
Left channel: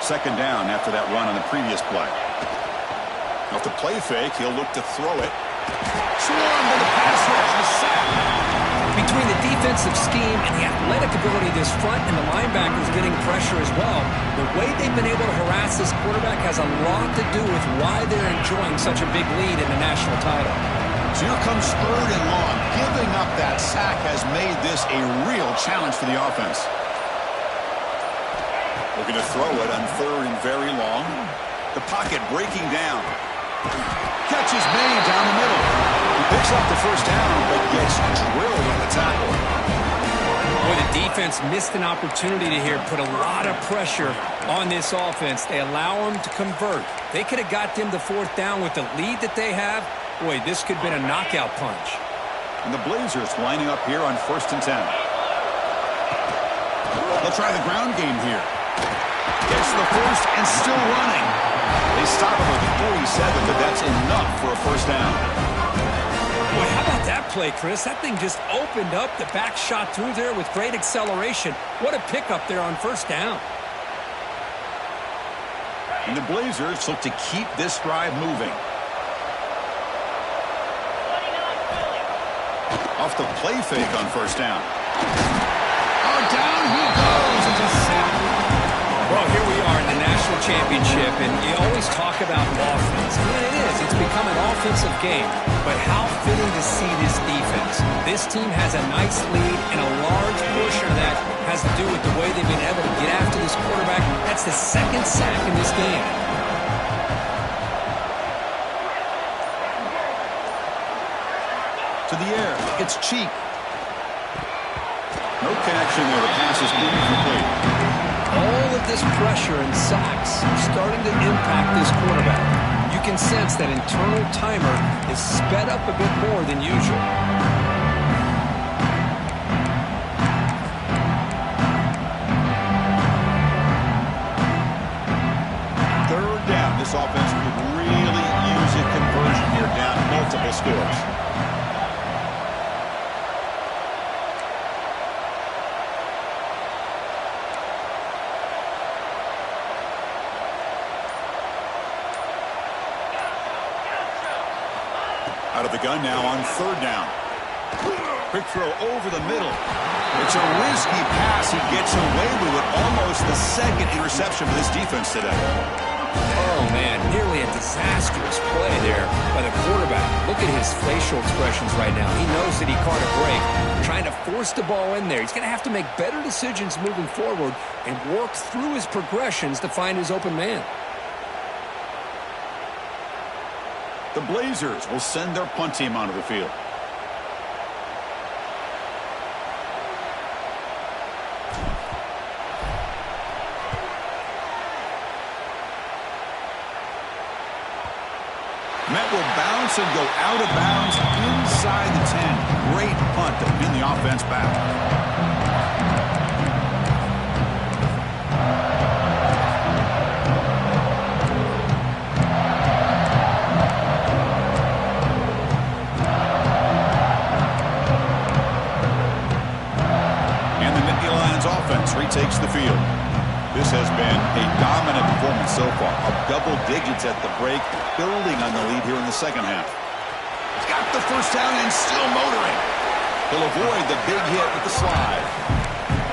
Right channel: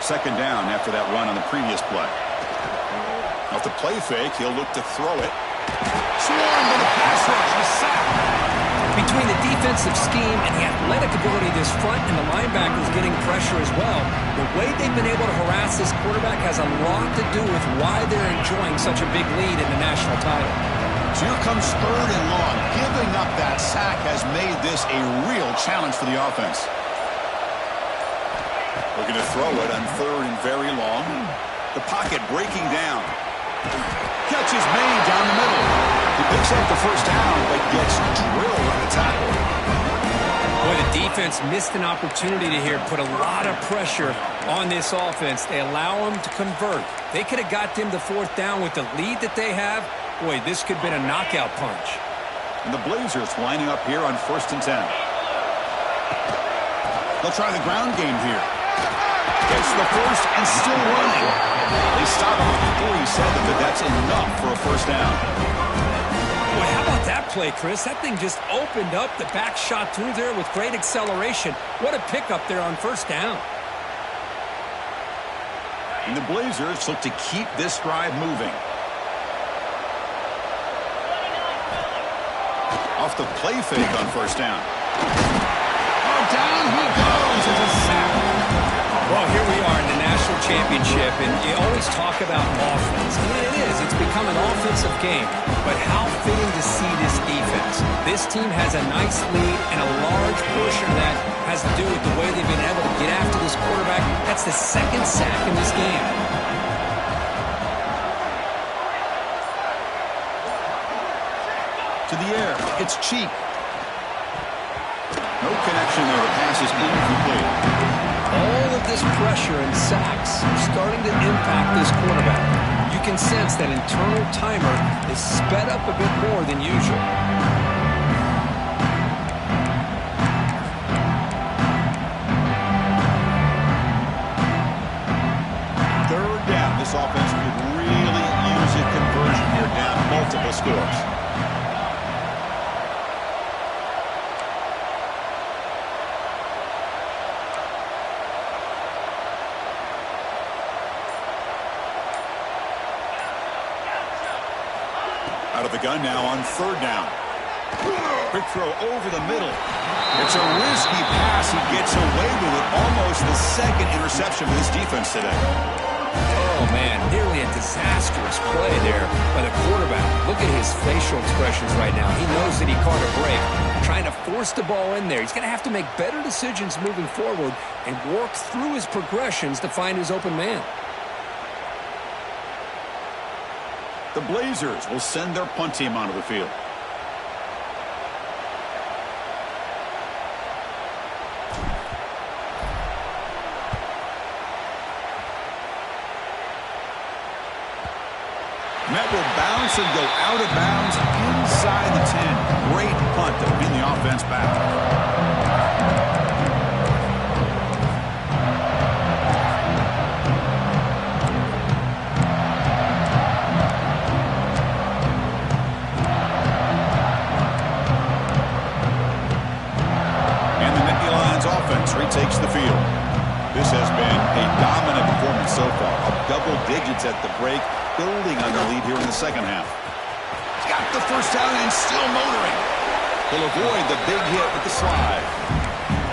Second down after that run on the previous play. Off the play fake, he'll look to throw it. Swarm with a pass rush, a sack. Between the defensive scheme and the athletic ability of this front and the linebackers getting pressure as well, the way they've been able to harass this quarterback has a lot to do with why they're enjoying such a big lead in the national title. So here comes third and long. Giving up that sack has made this a real challenge for the offense. Looking to throw it on third and very long. The pocket breaking down. Catch is made down the middle. He picks up the first down, but gets drilled on the tackle. Boy, the defense missed an opportunity to here put a lot of pressure on this offense. They allow them to convert. They could have got them the fourth down with the lead that they have. Boy, this could have been a knockout punch. And the Blazers lining up here on 1st and 10. They'll try the ground game here. Gets to the first and still running. They stop him with 47, but that's enough for a first down. Boy, how about that play, Chris? That thing just opened up. The back shot through there with great acceleration. What a pickup there on first down. And the Blazers look to keep this drive moving. Off the play fake on first down. Oh, down he goes. It's a sack. Well, here we are in the national championship, and you always talk about offense. I mean, it is. It's become an offensive game. But how fitting to see this defense. This team has a nice lead, and a large portion of that has to do with the way they've been able to get after this quarterback. That's the second sack in this game. To the air. It's Cheek. No connection there. The pass is incomplete. All of this pressure and sacks are starting to impact this quarterback. You can sense that internal timer is sped up a bit more than usual. Third down. This offense could really use a conversion here, down multiple scores. Out of the gun now on third down. Quick throw over the middle. It's a risky pass. He gets away with it. Almost the second interception for this defense today. Oh, man, nearly a disastrous play there by the quarterback. Look at his facial expressions right now. He knows that he caught a break, trying to force the ball in there. He's going to have to make better decisions moving forward and work through his progressions to find his open man. The Blazers will send their punt team onto the field. Met will bounce and go out of bounds inside the 10. Great punt to pin the offense back. Offense retakes the field. This has been a dominant performance so far. Up double digits at the break, building on the lead here in the second half. He's got the first down and still motoring. He'll avoid the big hit with the slide.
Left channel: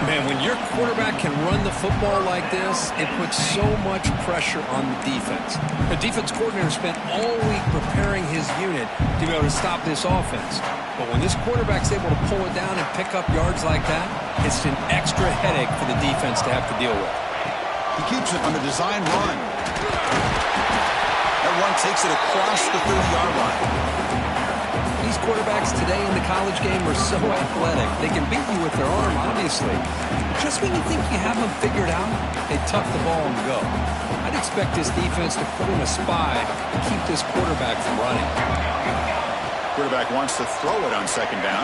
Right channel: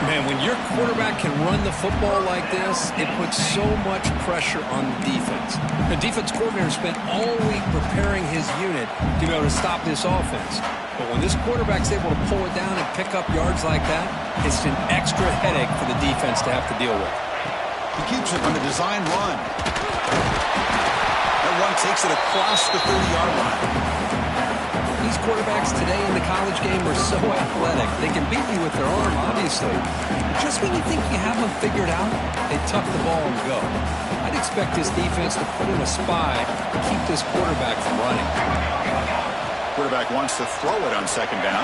Man, when your quarterback can run the football like this, it puts so much pressure on the defense. The defense coordinator spent all week preparing his unit to be able to stop this offense. But when this quarterback's able to pull it down and pick up yards like that, it's an extra headache for the defense to have to deal with. He keeps it on the design run. That run takes it across the 30-yard line. These quarterbacks today in the college game are so athletic. They can beat you with their arm, obviously. Just when you think you have them figured out, they tuck the ball and go. I'd expect this defense to put in a spy to keep this quarterback from running. Quarterback wants to throw it on second down.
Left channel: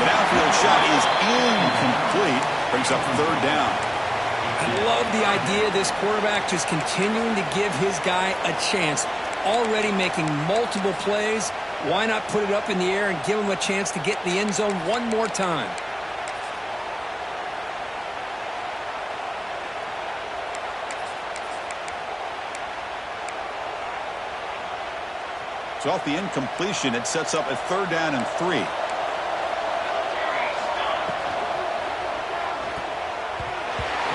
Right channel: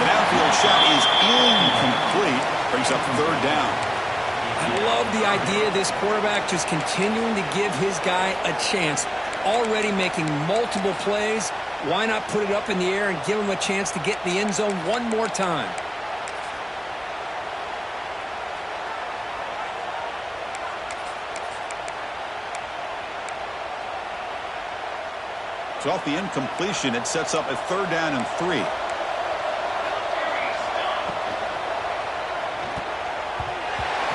The downfield shot is incomplete. Brings up third down. I love the idea of this quarterback just continuing to give his guy a chance. Already making multiple plays. Why not put it up in the air and give him a chance to get in the end zone one more time? So off the incompletion, it sets up a third down and 3.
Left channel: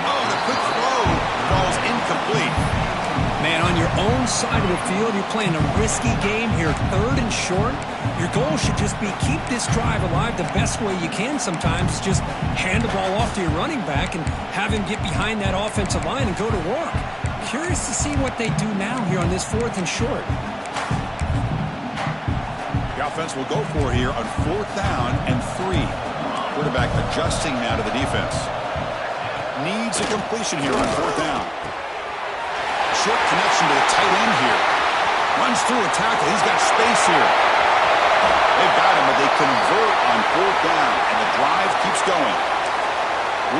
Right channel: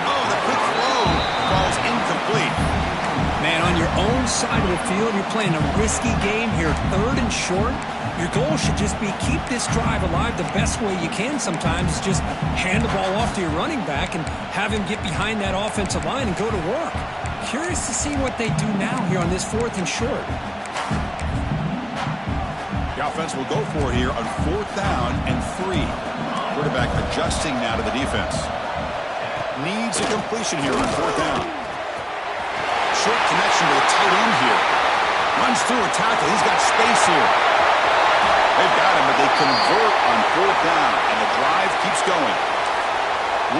Oh, the quick throw falls incomplete. Man, on your own side of the field, you're playing a risky game here. Third and short. Your goal should just be keep this drive alive the best way you can sometimes. Is just hand the ball off to your running back and have him get behind that offensive line and go to work. Curious to see what they do now here on this 4th and short. The offense will go for it here on 4th down and 3. Quarterback adjusting now to the defense. Needs a completion here on 4th down. Short connection to the tight end here. Runs through a tackle. He's got space here. They've got him, but they convert on 4th down, and the drive keeps going.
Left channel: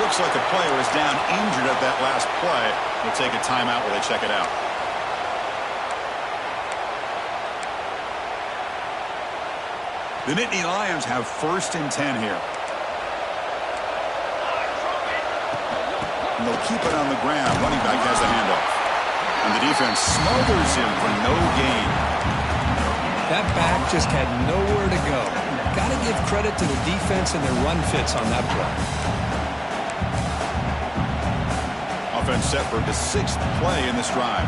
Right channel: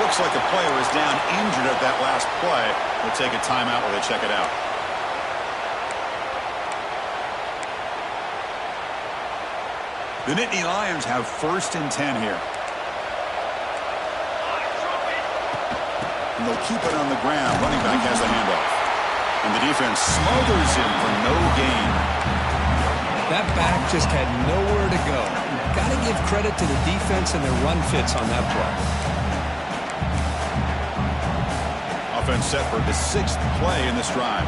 Looks like a player is down injured at that last play. They'll take a timeout while they check it out. The Nittany Lions have 1st and 10 here. And they'll keep it on the ground. Running back has the handoff. And the defense smothers him for no gain. That back just had nowhere to go. Got to give credit to the defense and their run fits on that play. Offense set for the 6th play in this drive.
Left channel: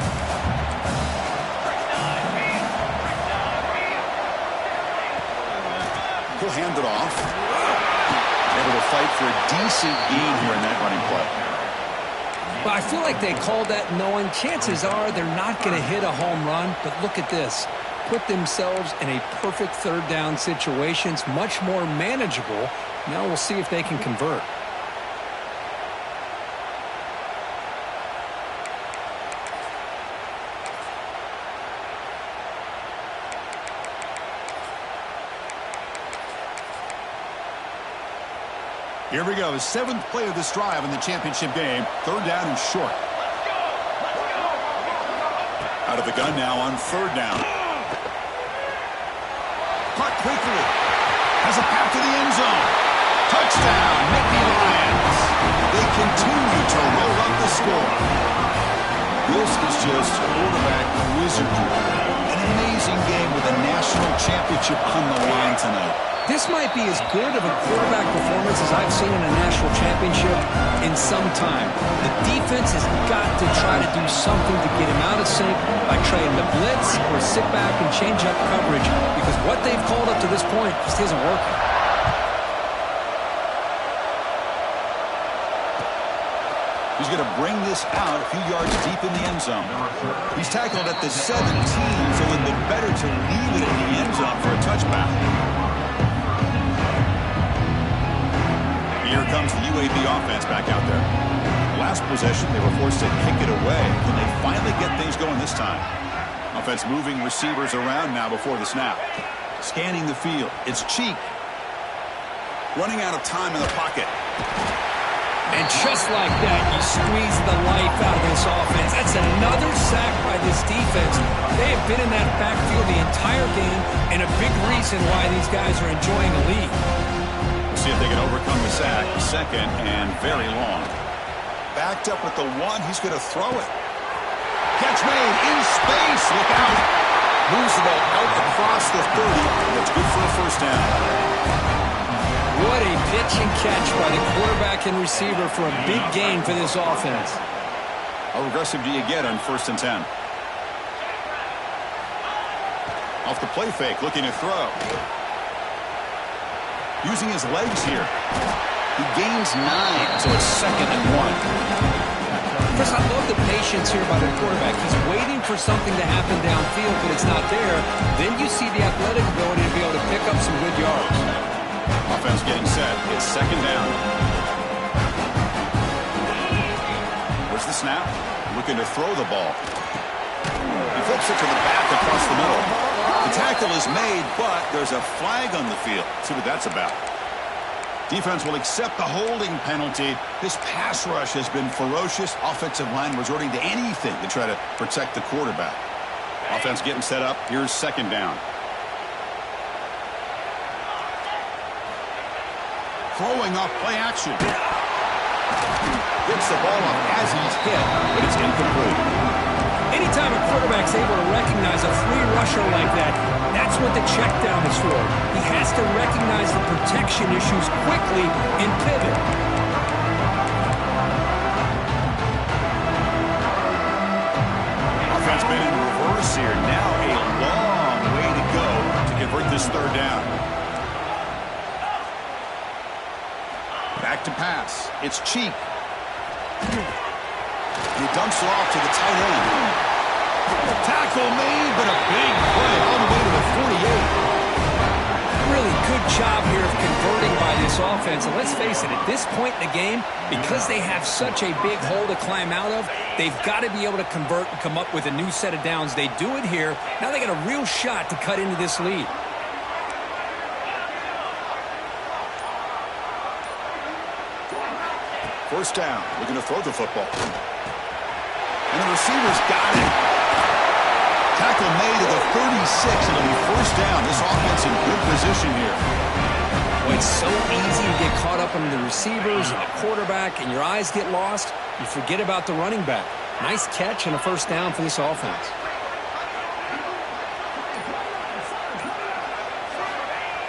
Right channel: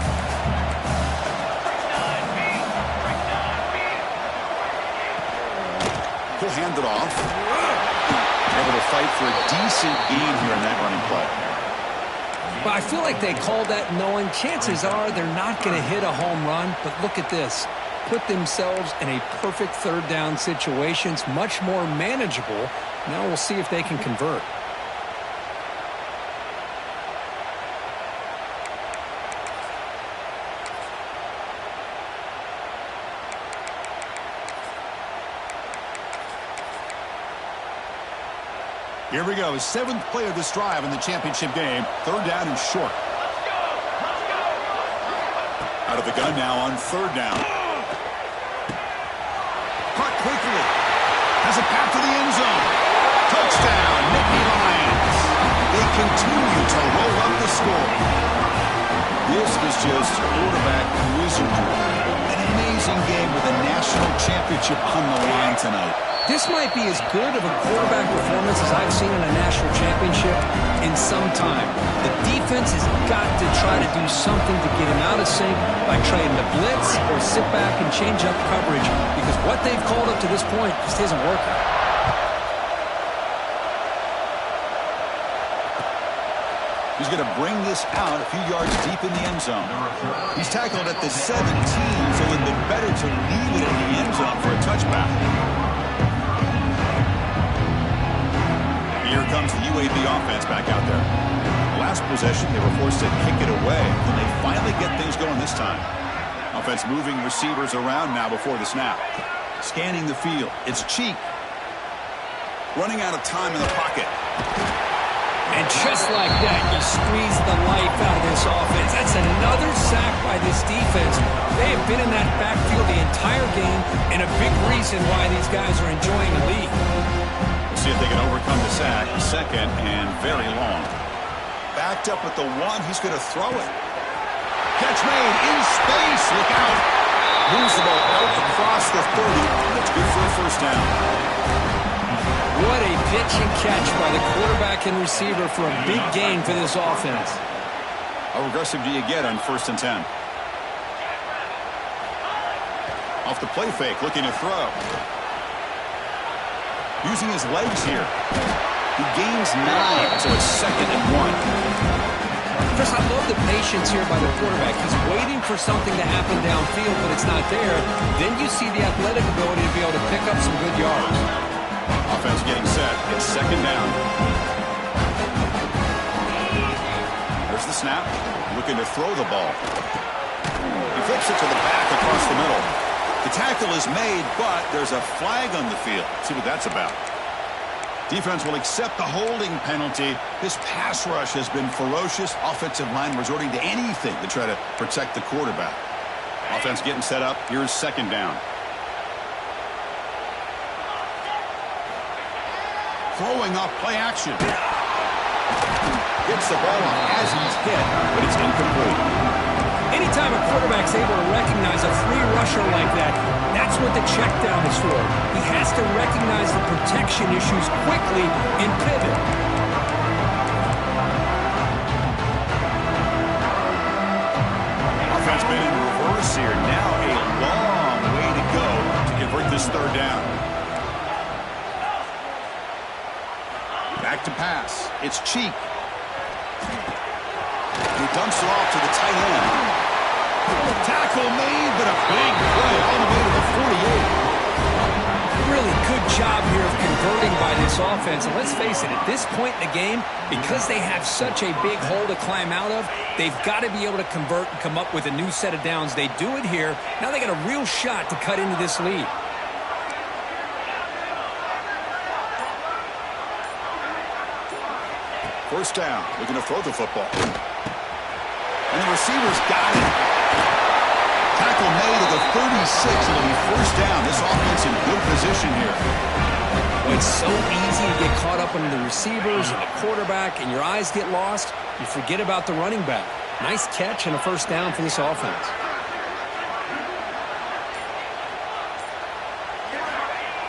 He'll hand it off. Able to fight for a decent gain here in that running play. But I feel like they called that knowing chances are they're not going to hit a home run. But look at this. Put themselves in a perfect 3rd down situation. It's much more manageable. Now we'll see if they can convert. Here we go. 7th play of this drive in the championship game. 3rd down and short. Let's go! Let's go! Out of the gun now on 3rd down. Caught quickly. Has a path to the end zone. Touchdown, Nittany Lions. They continue to roll up the score. This is just quarterback wizardry. An amazing game with a national championship on the line tonight. This might be as good of a quarterback performance as I've seen in a national championship in some time. The defense has got to try to do something to get him out of sync by trying to blitz or sit back and change up coverage, because what they've called up to this point just isn't working. He's going to bring this out a few yards deep in the end zone. He's tackled at the 17, so it would have been better to leave it in the end zone for a touchback. Here comes the UAB offense back out there. Last possession, they were forced to kick it away. Can they finally get things going this time? Offense moving receivers around now before the snap. Scanning the field. It's Cheek. Running out of time in the pocket. And just like that, you squeeze the life out of this offense. That's another sack by this defense. They have been in that backfield the entire game, and a big reason why these guys are enjoying a lead. We'll see if they can overcome the sack. 2nd and very long. Backed up with the 1. He's going to throw it. Catch made in space. Look out. Moves the ball out across the 30. That's good for a 1st down. What a pitch and catch by the quarterback and receiver for a big gain for this offense. How aggressive do you get on 1st and 10? Off the play fake, looking to throw. Using his legs here. He gains 9, so it's 2nd and 1. Chris, I love the patience here by the quarterback. He's waiting for something to happen downfield, but it's not there. Then you see the athletic ability to be able to pick up some good yards. Offense getting set. It's 2nd down. There's the snap. Looking to throw the ball. He flips it to the back across the middle. The tackle is made, but there's a flag on the field. Let's see what that's about. Defense will accept the holding penalty. This pass rush has been ferocious. Offensive line resorting to anything to try to protect the quarterback. Offense getting set up. Here's second down. Throwing off play action. Gets the ball off as he's hit, but it's incomplete. Anytime a quarterback's able to recognize a free rusher like that, that's what the check down is for. He has to recognize the protection issues quickly and pivot. Offense been in reverse here. Now a long way to go to convert this third down. Back to pass. It's Cheek. He dumps it off to the tight end. Tackle made, but a big play all the way to the 48. Really good job here of converting by this offense. And let's face it, at this point in the game, because they have such a big hole to climb out of, they've got to be able to convert and come up with a new set of downs. They do it here. Now they got a real shot to cut into this lead. First down, looking to throw the football. And the receiver's got it. Tackle made at the 36. It'll be first down. This offense in good position here. Well, it's so easy to get caught up under the receivers and the quarterback, and your eyes get lost. You forget about the running back. Nice catch and a first down for this offense.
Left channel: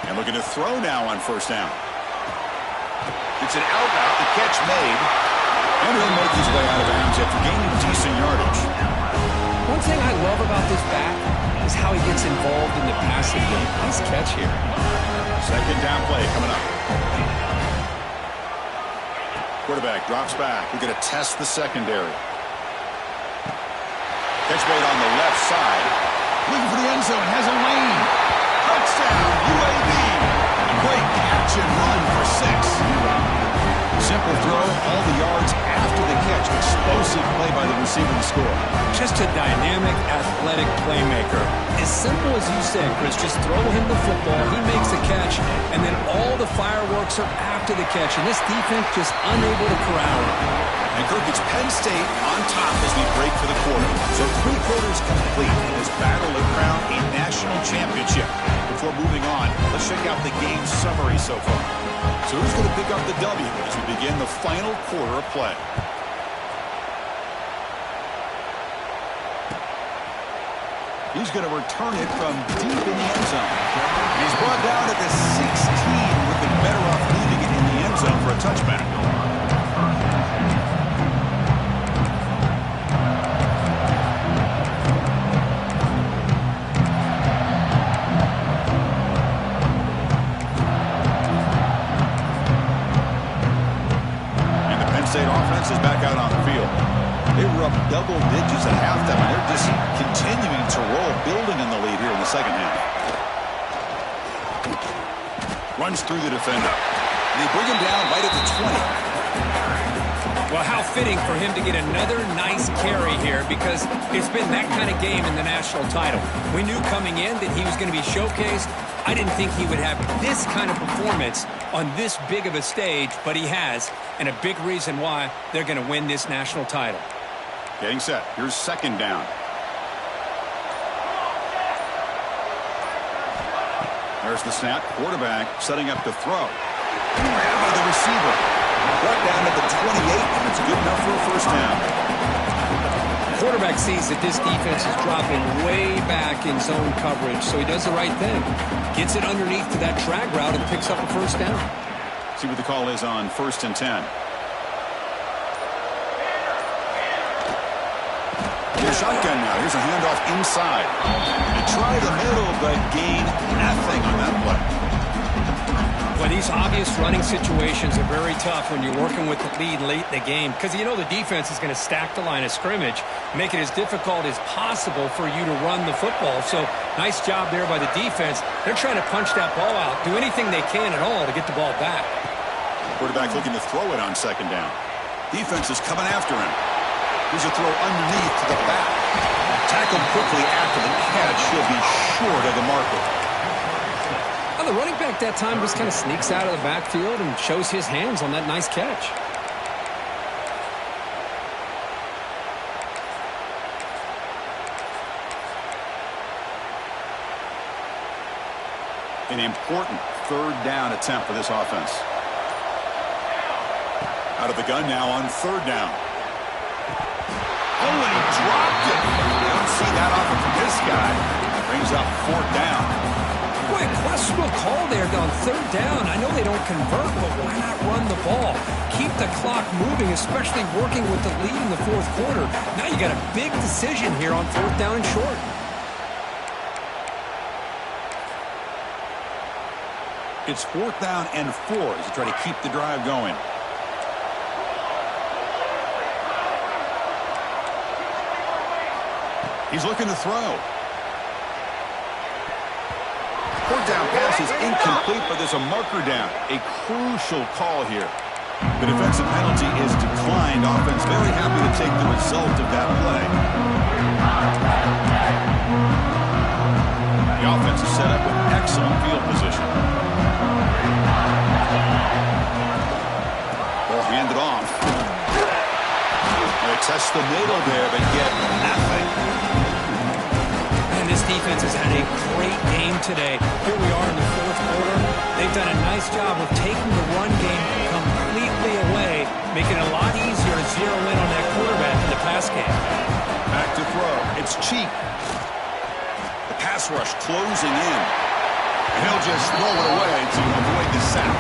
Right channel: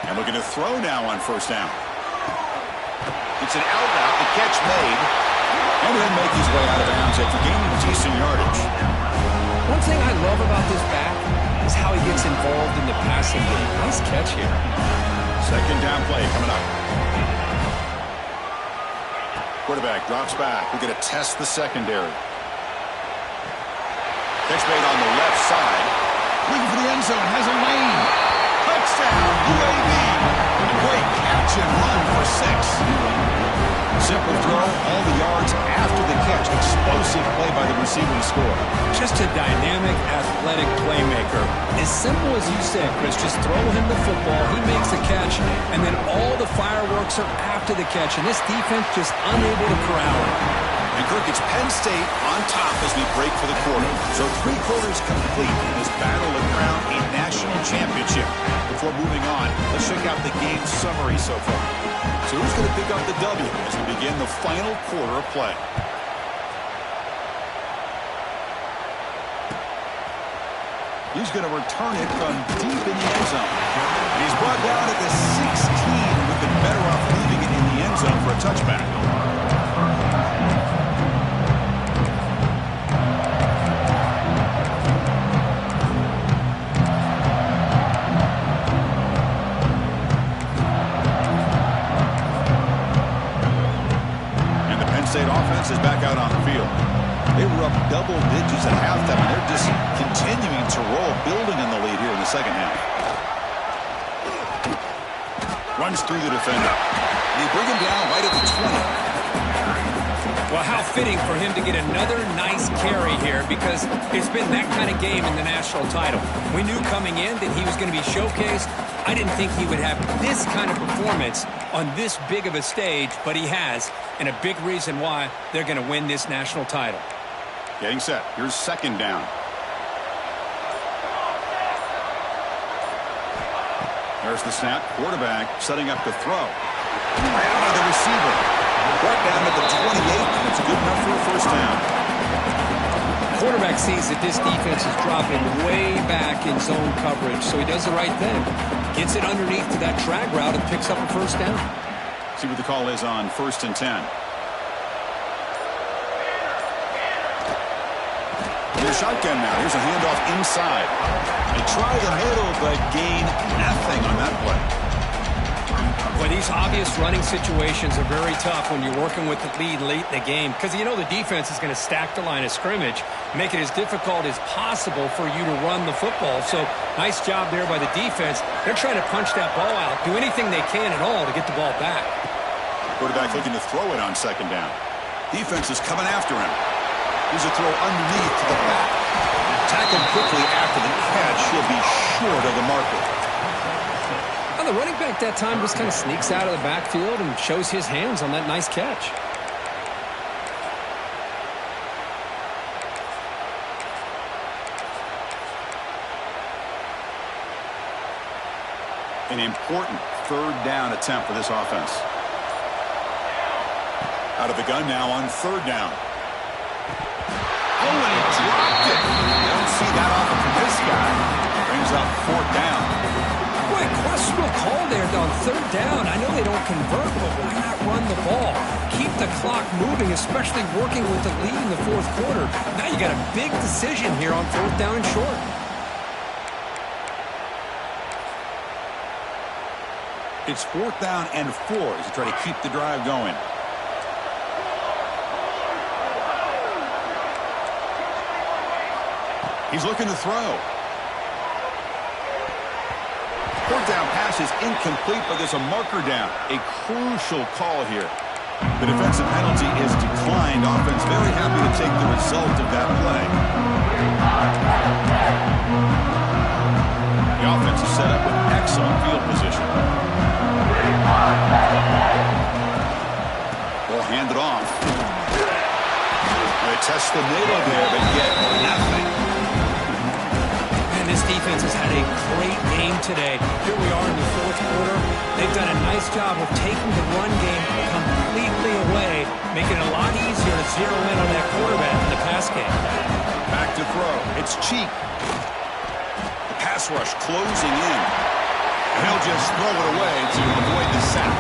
And looking to throw now on first down. It's an out route, the catch made, and he'll make his way out of bounds after gaining decent yardage. One thing I love about this back is how he gets involved in the passing game. Nice catch here. Second down play coming up. Quarterback drops back. We're going to test the secondary. Catch made on the left side. Looking for the end zone, has a lane. Touchdown, UAB. A great catch and run for 6. Simple throw, all the yards after the catch. Explosive play by the receiver to score. Just a dynamic, athletic playmaker. As simple as you said, Chris, just throw him the football, he makes a catch, and then all the fireworks are after the catch, and this defense just unable to corral him. And Kirk, it's Penn State on top as we break for the quarter. So 3 quarters complete in this battle to crown a national championship. Before moving on, let's check out the game summary so far. So who's going to pick up the W as we begin the final quarter of play? He's going to return it from deep in the end zone. And he's brought down at the 16. We've been better off leaving it in the end zone for a touchback. State offense is back out on the field. They were up double digits at halftime, and they're just continuing to roll, building on the lead here in the second half. Runs through the defender. And they bring him down right at the 20. Well, how fitting for him to get another nice carry here, because it's been that kind of game in the national title. We knew coming in that he was going to be showcased. I didn't think he would have this kind of performance on this big of a stage, but he has, and a big reason why they're going to win this national title. Getting set. Here's second down. There's the snap. Quarterback setting up to throw. Ran by the receiver. Brought down at the 28, and it's good enough for a first down. Quarterback sees that this defense is dropping way back in zone coverage, so he does the right thing. Gets it underneath to that drag route and picks up a first down. See what the call is on 1st and 10. In the shotgun now. Here's a handoff inside. They try the middle, but gain nothing on that play. Well, these obvious running situations are very tough when you're working with the lead late in the game, because you know the defense is going to stack the line of scrimmage, make it as difficult as possible for you to run the football. So nice job there by the defense. They're trying to punch that ball out, do anything they can at all to get the ball back. Quarterback looking to throw it on second down. Defense is coming after him. Here's a throw underneath to the back. Tackled quickly after the catch. He'll be short of the marker. Now, the running back that time just kind of sneaks out of the backfield and shows his hands on that nice catch. An important third down attempt for this offense. Out of the gun now on third down. Oh, and he dropped it. You don't see that often from this guy. Brings up fourth down. Boy, a questionable call there on third down. I know they don't convert, but why not run the ball? Keep the clock moving, especially working with the lead in the fourth quarter. Now you got a big decision here on fourth down and short. It's fourth down and 4 as you try to keep the drive going. He's looking to throw. Fourth down pass is incomplete, but there's a marker down. A crucial call here. The defensive penalty is declined. Offense very happy to take the result of that play. The offense is set up with excellent field position. Ball handed off. They test the middle there, but get nothing. And this defense has had a great game today. Here we are in the fourth quarter. They've done a nice job of taking the run game completely away, making it a lot easier to zero in on that quarterback in the pass game. Back to throw. It's cheap. The pass rush closing in. And he'll just throw it away to avoid the sack.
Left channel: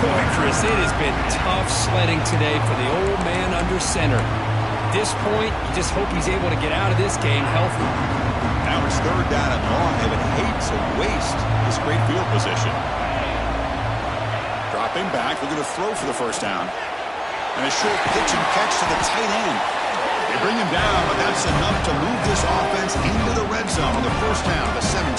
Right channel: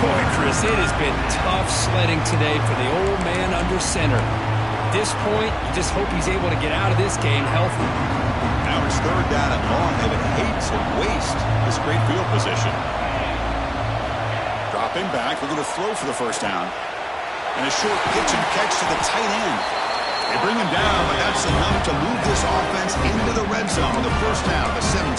Boy, Chris, it has been tough sledding today for the old man under center. At this point, you just hope he's able to get out of this game healthy. Now it's third down and long. They would hate to waste this great field position. Dropping back, looking to throw for the first down. And a short pitch and catch to the tight end. They bring him down, but that's enough to move this offense into the red zone with the first down of the 17.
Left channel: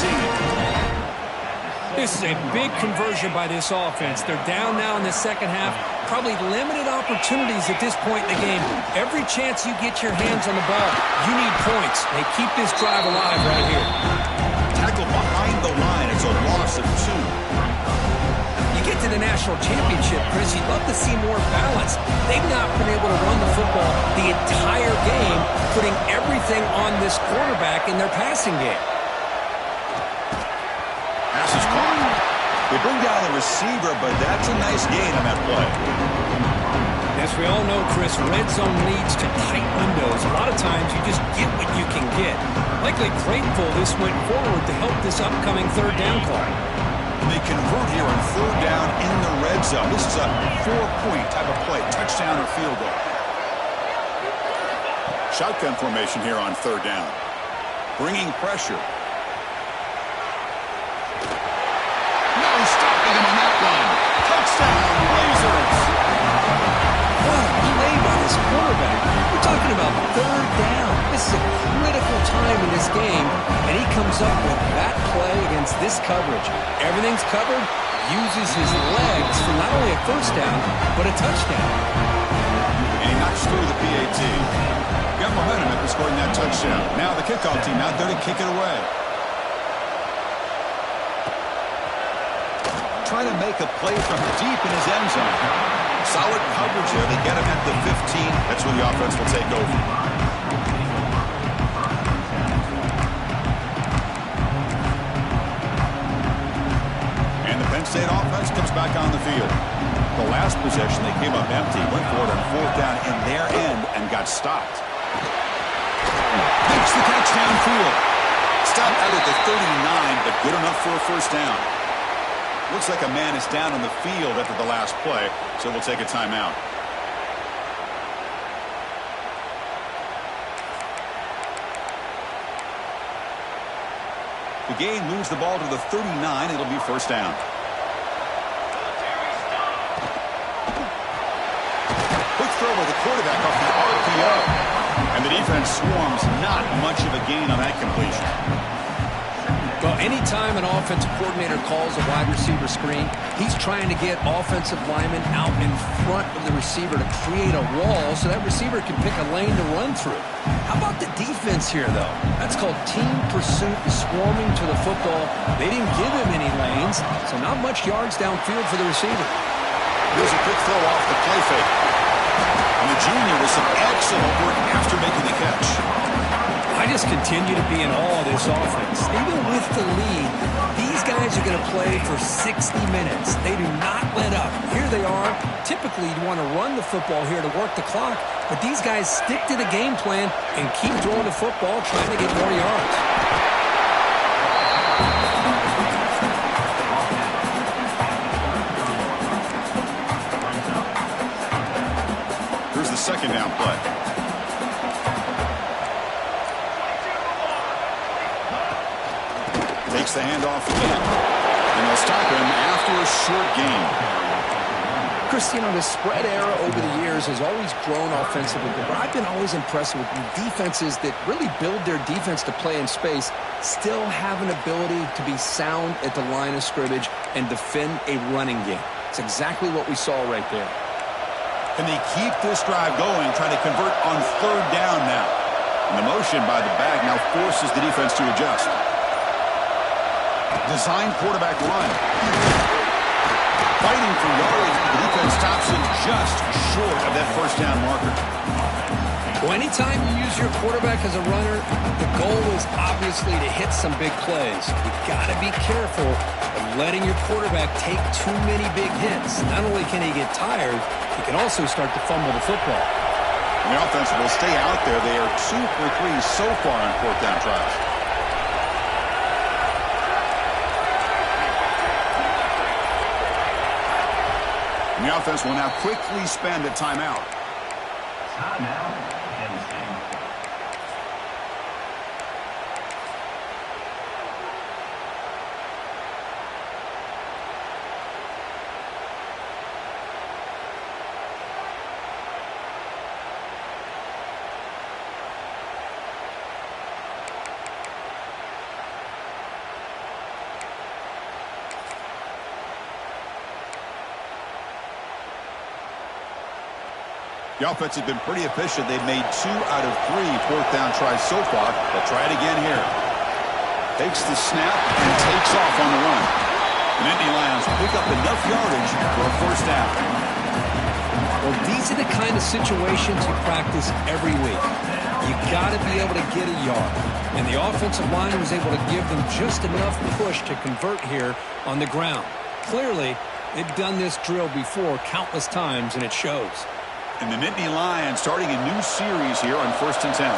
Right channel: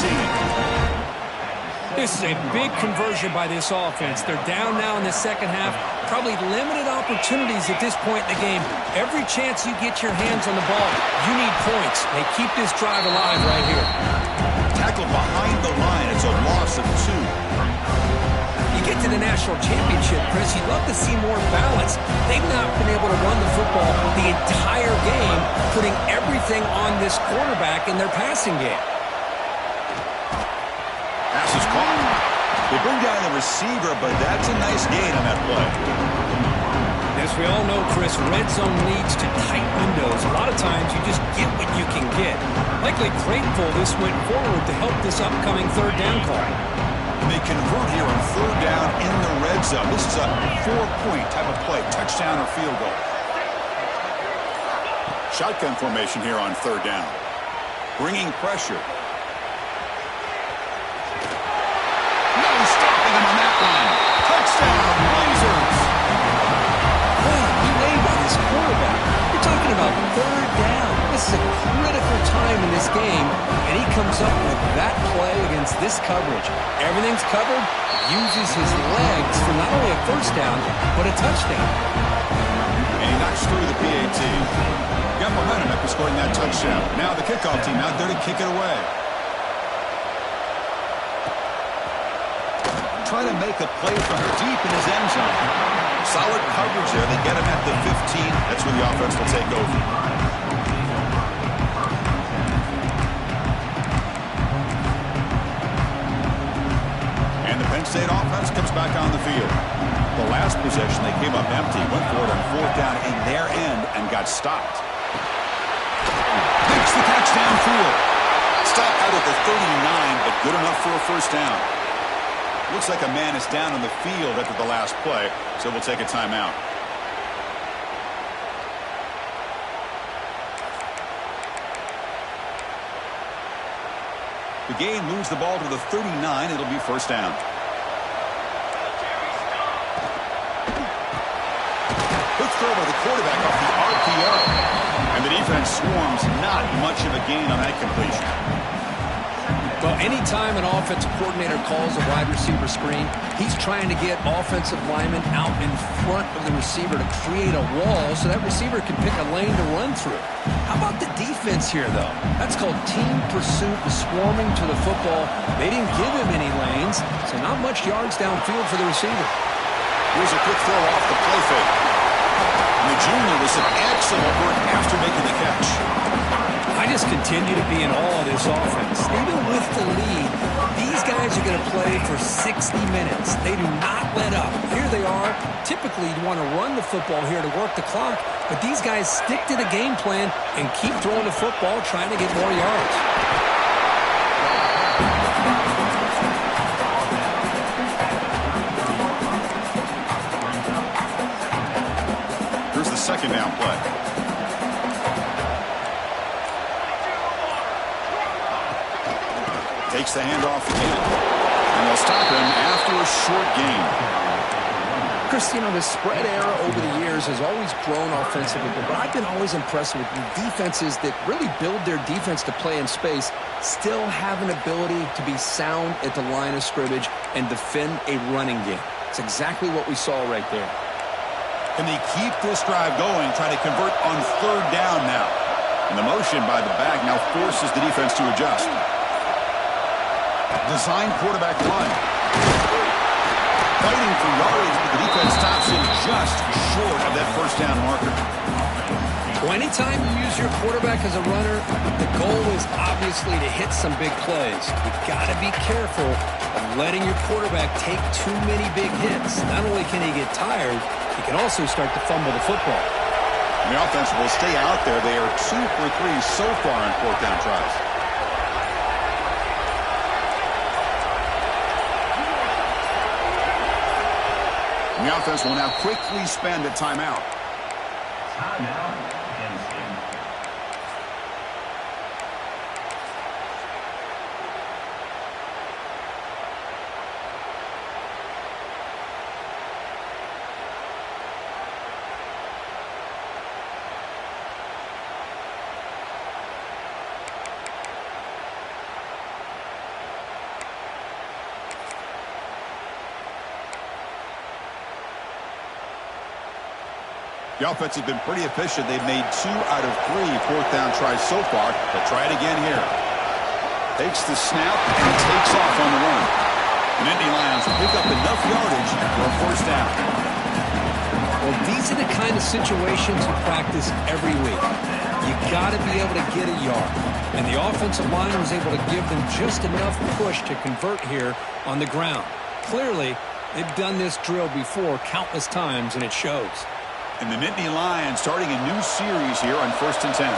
This is a big conversion by this offense. They're down now in the second half. Probably limited opportunities at this point in the game. Every chance you get your hands on the ball, you need points. They keep this drive alive right here. Tackled behind the line. It's a loss of 2. You get to the national championship, Chris, you'd love to see more balance. They've not been able to run the football the entire game, putting everything on this quarterback in their passing game. Pass is caught. They bring down the receiver, but that's a nice gain on that play. As we all know, Chris, red zone leads to tight windows. A lot of times you just get what you can get. Likely grateful this went forward to help this upcoming third down call. And they convert here on third down in the red zone. This is a 4-point type of play, touchdown or field goal. Shotgun formation here on third down. Bringing pressure. No stopping him on that one. Touchdown, Blazers. What a play by this quarterback. We're talking about third down. This is a critical time in this game, and he comes up with that play against this coverage. Everything's covered, uses his legs for not only a first down, but a touchdown. And he knocks through the PAT. Got momentum after scoring that touchdown. Now the kickoff team out there to kick it away. Trying to make a play from deep in his end zone. Solid coverage there. They get him at the 15. That's where the offense will take over. And the Penn State offense comes back on the field. The last possession, they came up empty, went for it on fourth down in their end and got stopped. Makes the catch downfield. Stopped out at the 39, but good enough for a first down. Looks like a man is down on the field after the last play, so we'll take a timeout. The game moves the ball to the 39. It'll be first down. Quick throw by the quarterback off the RPO. And the defense swarms. Not much of a gain on that completion. Well, anytime an offensive coordinator calls a wide receiver screen, he's trying to get offensive linemen out in front of the receiver to create a wall so that receiver can pick a lane to run through. How about the defense here, though? That's called team pursuit and swarming to the football. They didn't give him any lanes, so not much yards downfield for the receiver. Here's a quick throw off the play fake. And the junior with some excellent work after making the catch. I just continue to be in awe of this offense. Even with the lead, these guys are going to play for 60 minutes. They do not let up. Here they are. Typically, you want to run the football here to work the clock, but these guys stick to the game plan and keep throwing the football, trying to get more yards. Here's the second down play. Takes the handoff again. And they'll stop him after a short gain. Chris, you know, the spread era over the years has always grown offensively, but I've been always impressed with defenses that really build their defense to play in space, still have an ability to be sound at the line of scrimmage and defend a running game. It's exactly what we saw right there. Can they keep this drive going, trying to convert on third down now? And the motion by the back now forces the defense to adjust. Design quarterback run. Fighting for yardage, but the defense stops him just short of that first down marker. Well, anytime you use your quarterback as a runner, the goal is obviously to hit some big plays. You've got to be careful of letting your quarterback take too many big hits. Not only can he get tired, he can also start to fumble the football. And the offense will stay out there. They are 2 for 3 so far on fourth down tries. And the offense will now quickly spend a timeout. Timeout, Penn State. The offense has been pretty efficient. They've made 2 out of 3 fourth down tries so far. They'll try it again here. Takes the snap and takes off on the run. The Nittany Lions pick up enough yardage for a first down. Well, these are the kind of situations you practice every week. You got to be able to get a yard. And the offensive line was able to give them just enough push to convert here on the ground. Clearly, they've done this drill before countless times, and it shows. And the Nittany Lions starting a new series here on 1st and 10.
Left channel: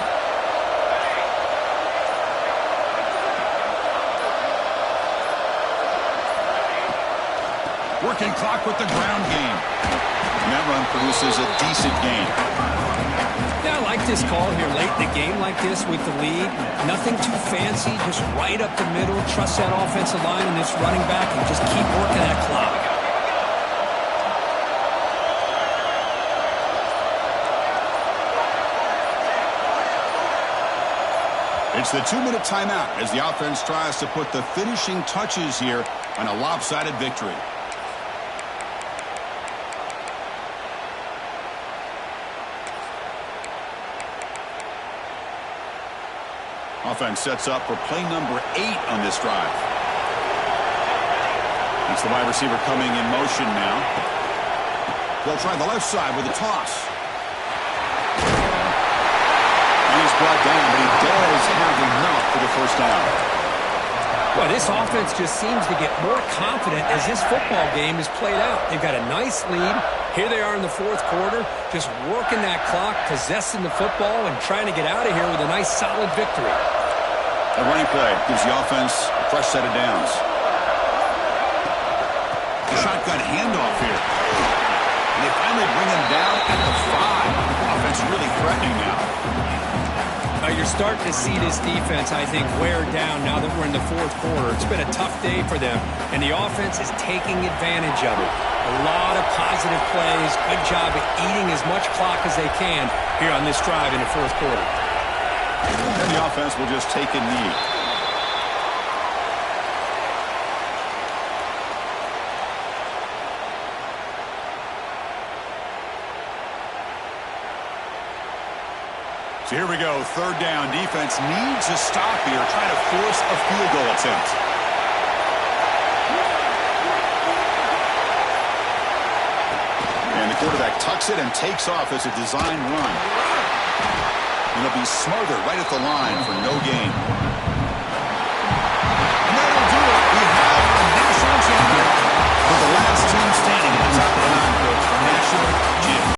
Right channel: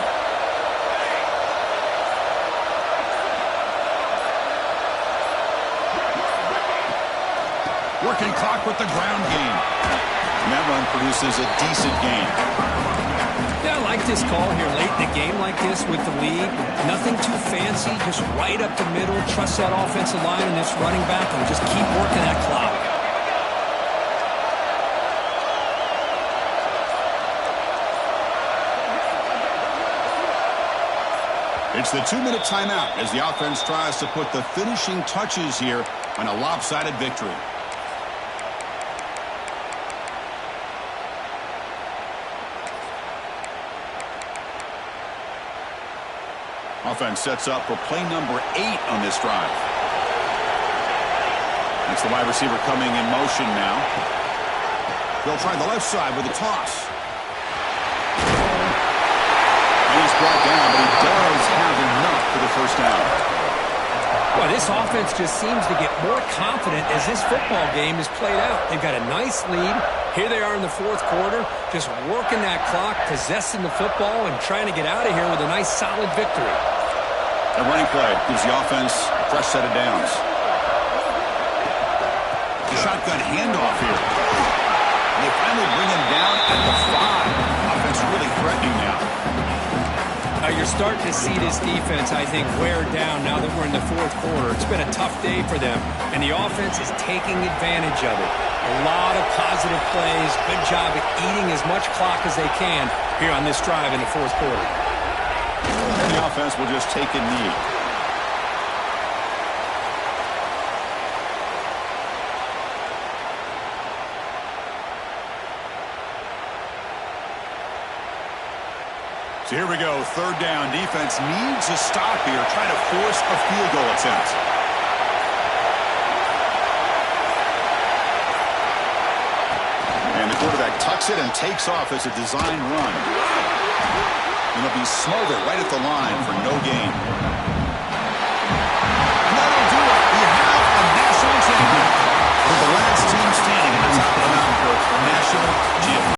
Working clock with the ground game. And that run produces a decent gain. Yeah, I like this call here late in the game like this with the lead. Nothing too fancy, just right up the middle. Trust that offensive line and this running back and just keep working that clock. It's the 2-minute timeout as the offense tries to put the finishing touches here on a lopsided victory. Offense sets up for play number 8 on this drive. That's the wide receiver coming in motion now. They'll try the left side with a toss. And he's brought down, but he does have enough for the first down. Well, this offense just seems to get more confident as this football game is played out. They've got a nice lead. Here they are in the fourth quarter, just working that clock, possessing the football, and trying to get out of here with a nice, solid victory. That running play gives the offense a fresh set of downs. Shotgun handoff here. And they finally bring him down at the 5. Offense really threatening now. You're starting to see this defense, I think, wear down now that we're in the fourth quarter. It's been a tough day for them, and the offense is taking advantage of it. A lot of positive plays. Good job at eating as much clock as they can here on this drive in the fourth quarter. And the offense will just take a knee. So here we go, third down. Defense needs a stop here, trying to force a field goal attempt. And the quarterback tucks it and takes off as a design run. And he'll be smothered right at the line for no gain. And that'll do it. We have a national champion. For the last team standing at the top of the mountain, Coach, national champion.